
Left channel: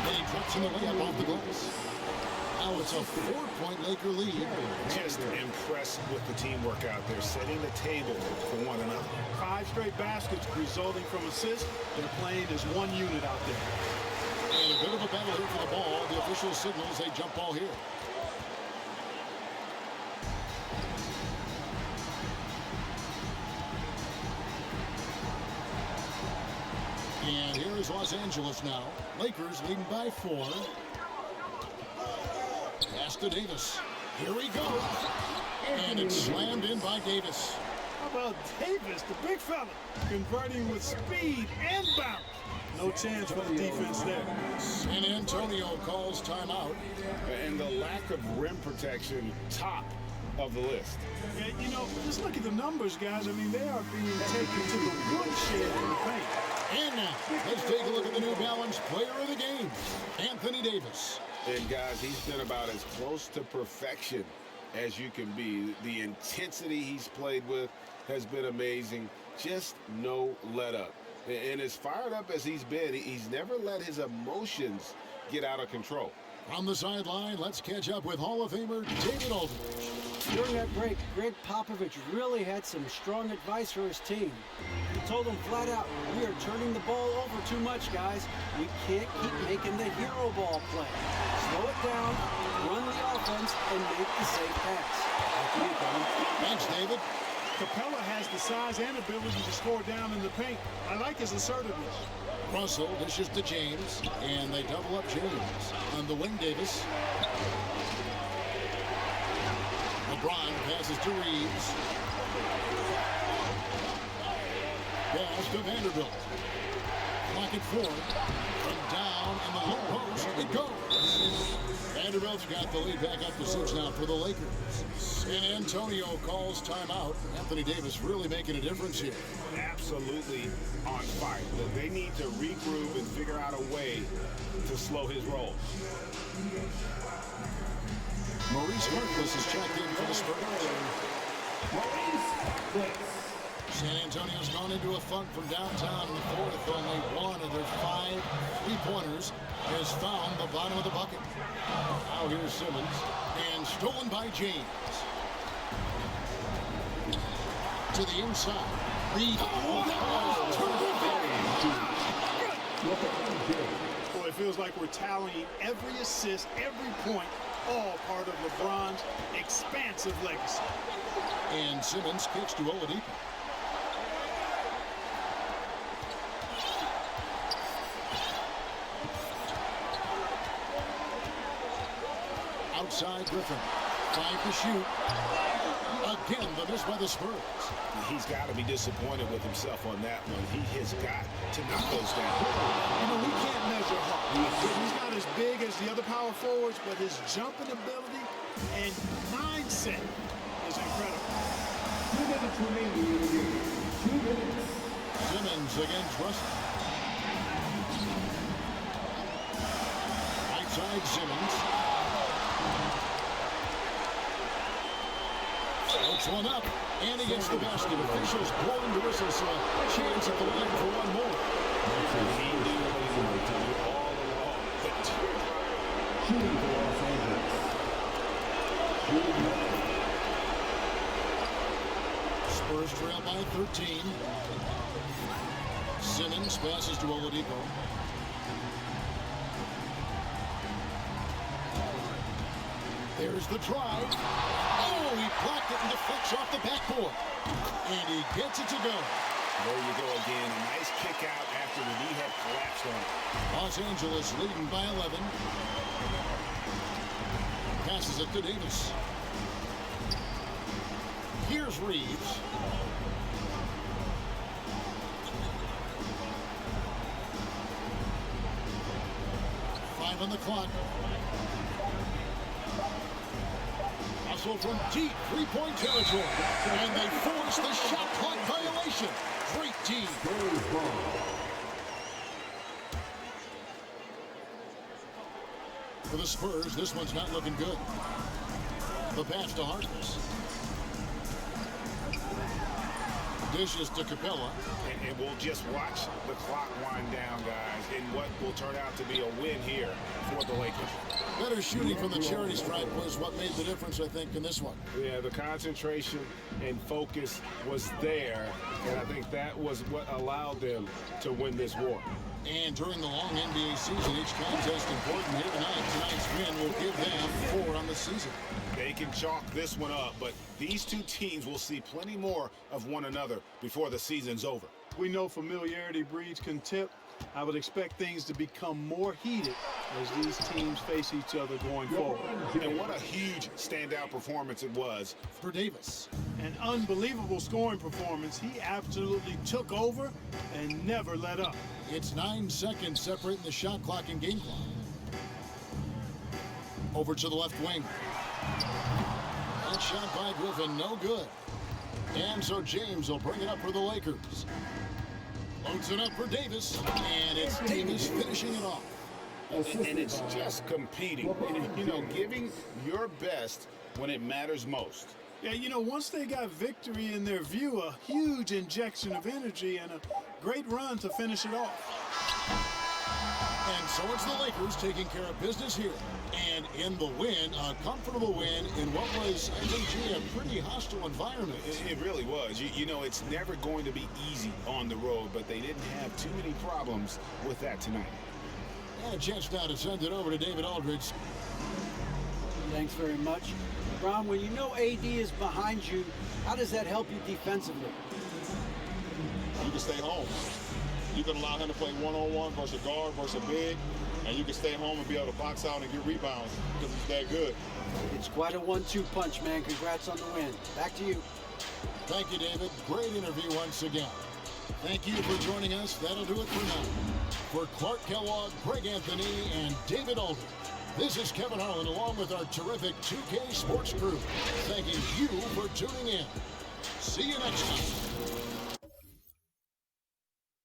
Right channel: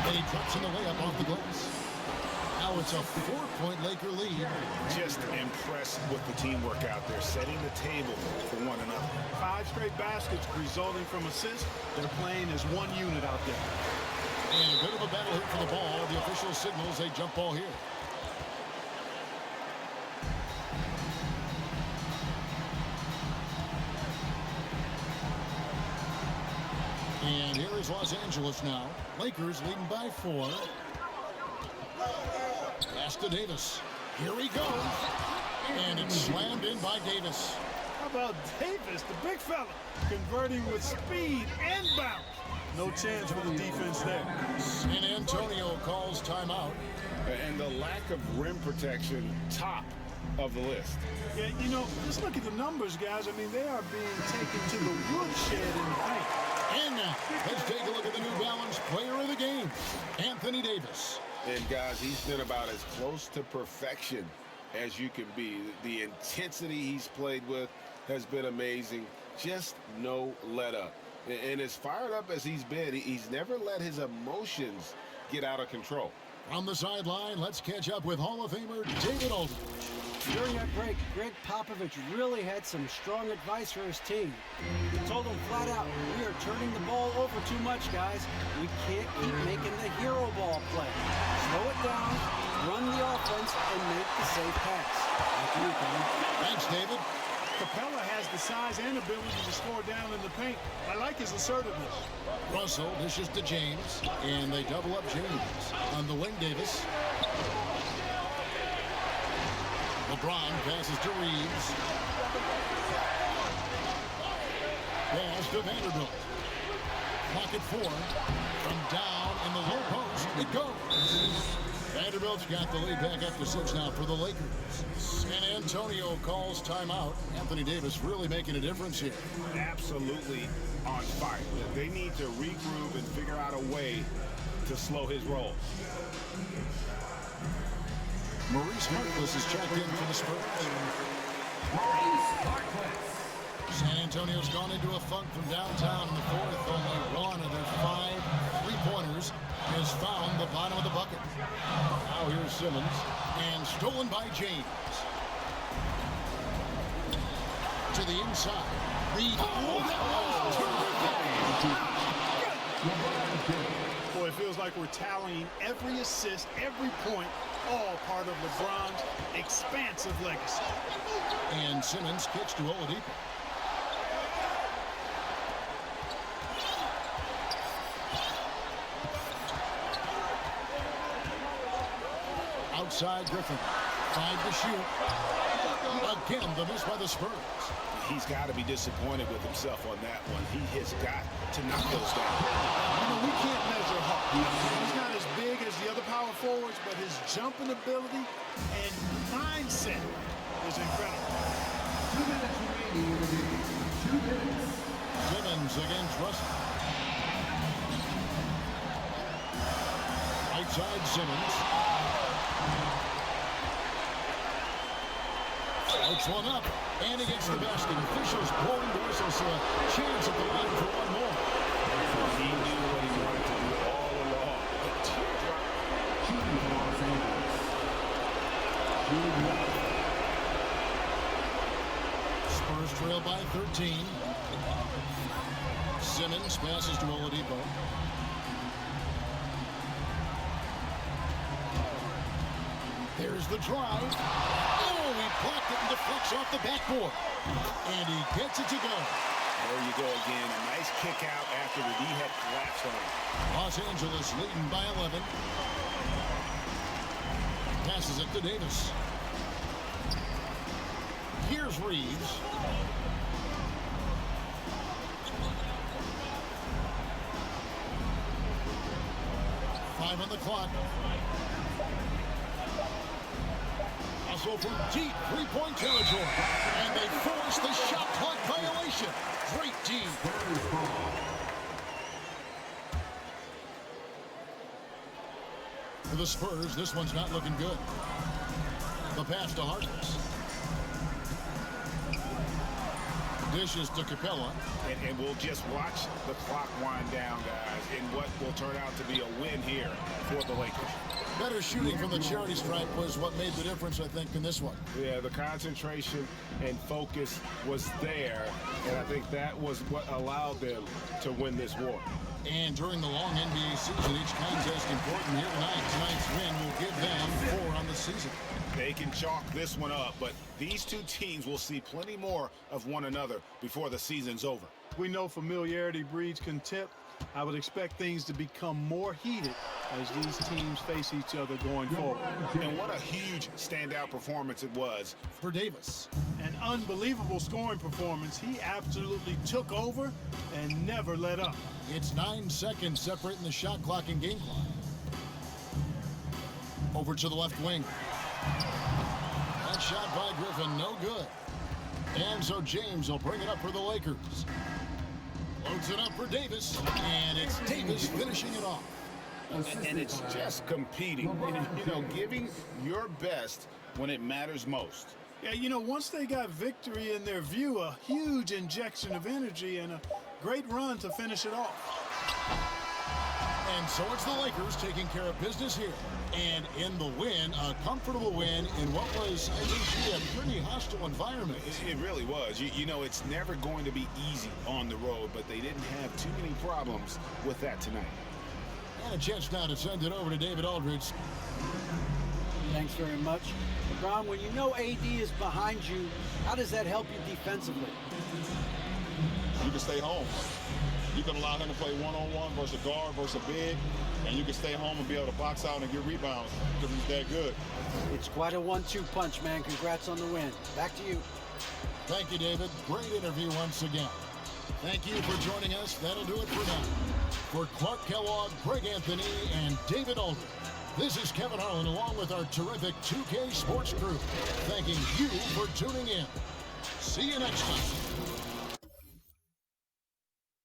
And he drops in the layup off the glass. Now it's a 4-point Laker lead. Just impressed with the teamwork out there, setting the table for one another. 5 straight baskets resulting from assists. They're playing as one unit out there. And a bit of a battle here for the ball. The official signals a jump ball here. And here is Los Angeles now. Lakers leading by 4. Pass to Davis. Here he goes. And it's slammed in by Davis. How about Davis, the big fella, converting with speed and bounce? No chance for the defense there. San Antonio calls timeout. And the lack of rim protection, top of the list. Yeah, you know, just look at the numbers, guys. I mean, they are being taken to the woodshed in the paint. And now, let's take a look at the New Balance player of the game, Anthony Davis. And guys, he's been about as close to perfection as you can be. The intensity he's played with has been amazing. Just no let up. And as fired up as he's been, he's never let his emotions get out of control. From the sideline, let's catch up with Hall of Famer David Aldridge. During that break, Greg Popovich really had some strong advice for his team. He told them flat out, we are turning the ball over too much, guys. We can't keep making the hero ball play. Slow it down, run the offense, and make the safe pass. Back to you, Kevin. Thanks, David. Capella has the size and ability to score down in the paint. I like his assertiveness. Russell dishes to James, and they double up James. On the wing, Davis. LeBron passes to Reeves. Pass to Vanderbilt. Clock at 4. From down in the low post, it goes. Vanderbilt's got the lead back up to 6 now for the Lakers. San Antonio calls timeout. Anthony Davis really making a difference here. Absolutely on fire. They need to regroup and figure out a way to slow his roll. Maurice Harkless is checked in for the Spurs. Maurice Harkless. San Antonio's gone into a funk from downtown in the fourth. Only one of their 5 three-pointers has found the bottom of the bucket. Now here's Simmons, and stolen by James. To the inside. That was terrific. Boy, it feels like we're tallying every assist, every point, all part of LeBron's expansive legacy. And Simmons kicks to Oladipo. Outside Griffin. 5 to shoot. Again, the miss by the Spurs. He's got to be disappointed with himself on that one. He has got to knock those down. You know, we can't measure Hart. He's not as big as the other power forwards, but his jumping ability and mindset is incredible. 2 minutes remaining in the game. 2 minutes. Simmons against Russell. Right side Simmons. Puts one up, and he gets the basket. Officials blowing the whistle, so a chance at the line for one more. He knew what he wanted to do all along. The teardrop. Shooting for Los Angeles. Spurs trail by 13. Simmons passes to Oladipo. There's the drive. Oh, he blocked it and deflects off the backboard. And he gets it to go. There you go again. A nice kick out after the knee had collapsed on it. Los Angeles leading by 11. Passes it to Davis. Here's Reeves. Five on the clock. Hustle from deep three-point territory. And they force the shot clock violation. Great D. For the Spurs, this one's not looking good. The pass to Harkness. Dishes to Capella. And we'll just watch the clock wind down, guys, in what will turn out to be a win here for the Lakers. Better shooting from the charity stripe was what made the difference, I think, in this one. Yeah, the concentration and focus was there, and I think that was what allowed them to win this war. And during the long NBA season, each contest important here tonight. Tonight's win will give them 4 on the season. They can chalk this one up, but these two teams will see plenty more of one another before the season's over. We know familiarity breeds contempt. I would expect things to become more heated as these teams face each other going forward. And what a huge standout performance it was for Davis. An unbelievable scoring performance. He absolutely took over and never let up. It's 9 seconds separating the shot clock and game clock. Over to the left wing. That shot by Griffin, no good. And so James will bring it up for the Lakers. Loads it up for Davis, and it's Davis finishing it off. And it's just competing, you know, giving your best when it matters most. Yeah, you know, once they got victory in their view, a huge injection of energy and a great run to finish it off. And so it's the Lakers taking care of business here. And in the win, a comfortable win in what was, I think, a pretty hostile environment. It really was. You know, it's never going to be easy on the road, but they didn't have too many problems with that tonight. And a chance now to send it over to David Aldridge. Thanks very much. Ron, when you know AD is behind you, how does that help you defensively? You can stay home. You can allow him to play one-on-one versus a guard versus a big, and you can stay home and be able to box out and get rebounds because he's that good. It's quite a 1-2 punch, man. Congrats on the win. Back to you. Thank you, David. Great interview once again. Thank you for joining us. That'll do it for now. For Clark Kellogg, Greg Anthony, and David Aldridge, this is Kevin Harlan along with our terrific 2K Sports crew, thanking you for tuning in. See you next time.